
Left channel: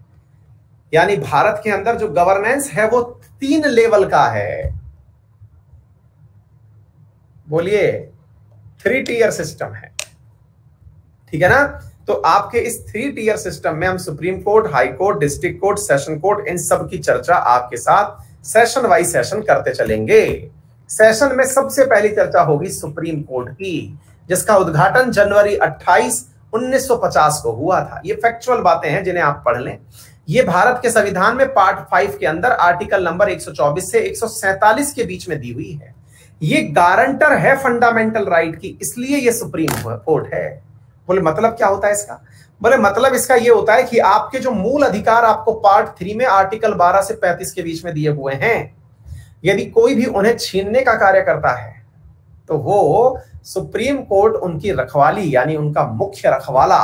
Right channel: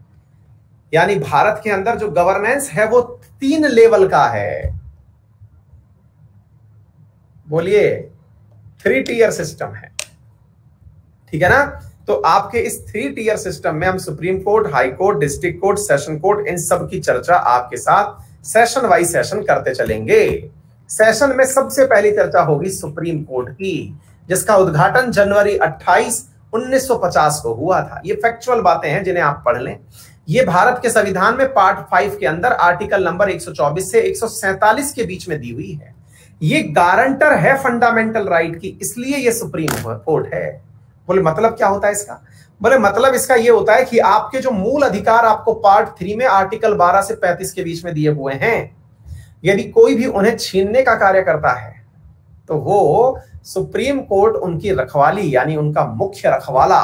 यानी भारत के अंदर जो गवर्नेंस है वो 3 लेवल का है। बोलिए, 3 टियर सिस्टम है, ठीक है ना? तो आपके इस 3 टियर सिस्टम में हम supreme court, high court, district court, session court, इन सब की चर्चा आपके साथ सेशन वाइज सेशन करते चलेंगे। सेशन में सबसे पहली चर्चा होगी सुप्रीम कोर्ट की, जिसका उद्घाटन जनवरी 28, 1950 को हुआ था। ये फैक्चुअल बातें हैं जिन्हें आप पढ़ लें। ये भारत के संविधान में पार्ट 5 के अंदर आर्टिकल नंबर 124 से 147 के बीच में दी हुई है। ये गारंटर है फंडामेंटल राइट की, इसलिए ये सुप्रीम कोर्ट है। बोले मतलब क्या होता है इसका? बोले मतलब इसका यह होता है कि आपके जो मूल अधिकार आपको पार्ट 3 में आर्टिकल 12 से 35 के बीच में दिए हुए हैं, यदि कोई भी उन्हें छीनने का कार्य करता है तो वो सुप्रीम कोर्ट उनकी रखवाली, यानी उनका मुख्य रखवाला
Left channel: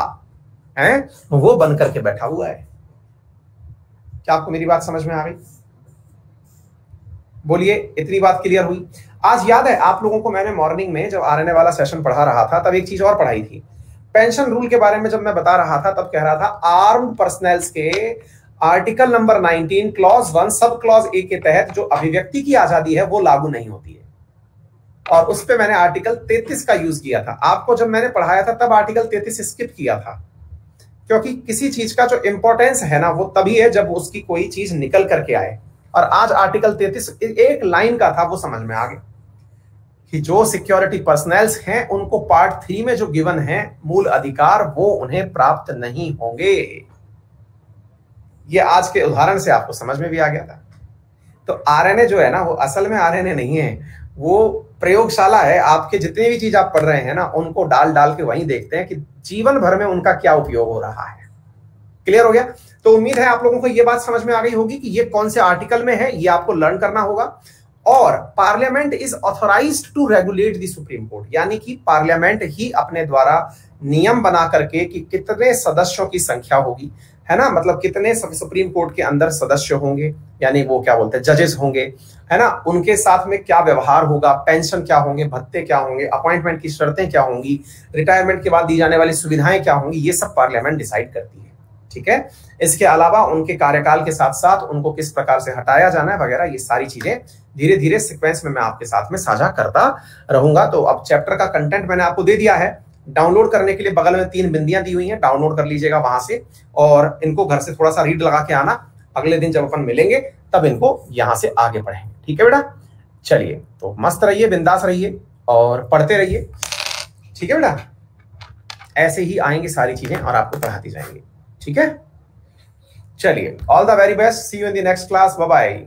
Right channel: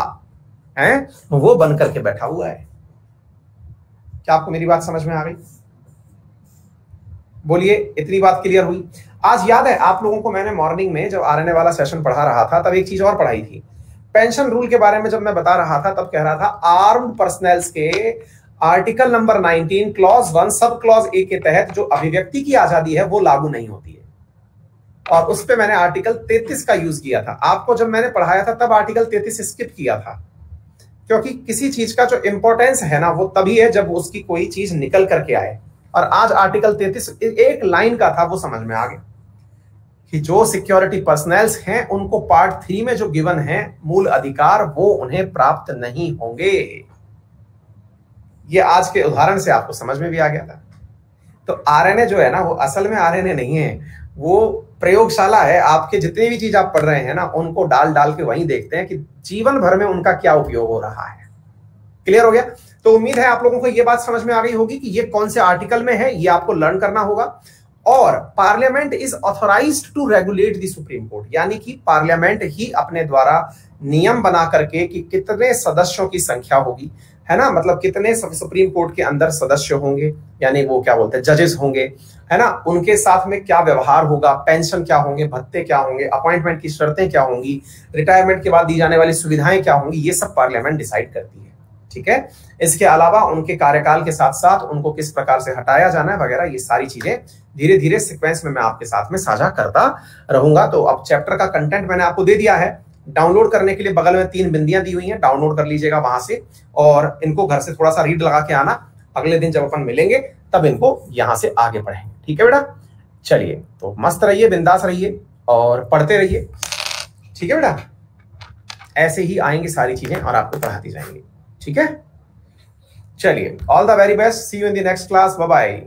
है, वो बन करके बैठा हुआ है। क्या आपको मेरी बात समझ में आ गई? बोलिए, इतनी बात क्लियर हुई? आज याद है आप लोगों को मैंने मॉर्निंग में जब आरएनए वाला सेशन पढ़ा रहा था तब एक चीज और पढ़ाई थी। पेंशन रूल के बारे में जब मैं बता रहा था तब कह रहा था आर्म्ड पर्सनल्स के article number 19 clause 1 sub clause A के तहत जो अभिव्यक्ति की आजादी है वो लागू नहीं होती है, और उस पे मैंने आर्टिकल 33 का यूज किया था। आपको जब मैंने पढ़ाया था तब आर्टिकल 33 स्किप किया था, क्योंकि किसी चीज का जो इंपॉर्टेंस है ना वो तभी है जब उसकी कोई चीज निकल करके आए। और आज आर्टिकल 33 एक लाइन का था, वो समझ में आ गया कि जो सिक्योरिटी पर्सनल्स हैं उनको पार्ट 3 में जो गिवन है मूल अधिकार, वो उन्हें प्राप्त नहीं होंगे। ये आज के उदाहरण से आपको समझ में भी आ गया था। तो आरएनए जो है ना वो असल में आरएनए नहीं है, वो प्रयोगशाला है। आपके जितनी भी चीज आप पढ़ रहे हैं ना उनको डाल डाल के वहीं देखते हैं कि जीवन भर में उनका क्या उपयोग हो रहा है। क्लियर हो गया? तो उम्मीद है आप लोगों को यह बात समझ में आ गई होगी कि ये कौन से आर्टिकल में है, ये आपको लर्न करना होगा। और parliament is authorised to regulate the supreme court, यानी कि पार्लियामेंट ही अपने द्वारा नियम बना करके कि कितने सदस्यों की संख्या होगी, है ना, मतलब कितने सुप्रीम कोर्ट के अंदर सदस्य होंगे, यानी वो क्या बोलते हैं जजेस होंगे, है ना, उनके साथ में क्या व्यवहार होगा, पेंशन क्या होंगे, भत्ते क्या होंगे, अपॉइंटमेंट की शर्तें क्या होंगी, रिटायरमेंट के बाद दी जाने वाली सुविधाएं क्या होंगी, ये सब पार्लियामेंट डिसाइड करती है। ठीक है, इसके अलावा उनके कार्यकाल के साथ साथ उनको किस प्रकार से हटाया जाना है वगैरह, ये सारी चीजें धीरे धीरे सीक्वेंस में मैं आपके साथ में साझा करता रहूंगा। तो अब चैप्टर का कंटेंट मैंने आपको दे दिया है। डाउनलोड करने के लिए बगल में 3 बिंदियां दी हुई हैं, डाउनलोड कर लीजिएगा वहां से, और इनको घर से थोड़ा सा रीड लगा के आना। अगले दिन जब अपन मिलेंगे तब इनको यहां से आगे पढ़ेंगे। ठीक है बेटा, चलिए तो मस्त रहिए, बिंदास रहिए और पढ़ते रहिए। ठीक है बेटा, ऐसे ही आएंगी सारी चीजें और आपको पढ़ाती जाएंगी। ठीक है, चलिए, all the very best, see you in the next class, bye bye.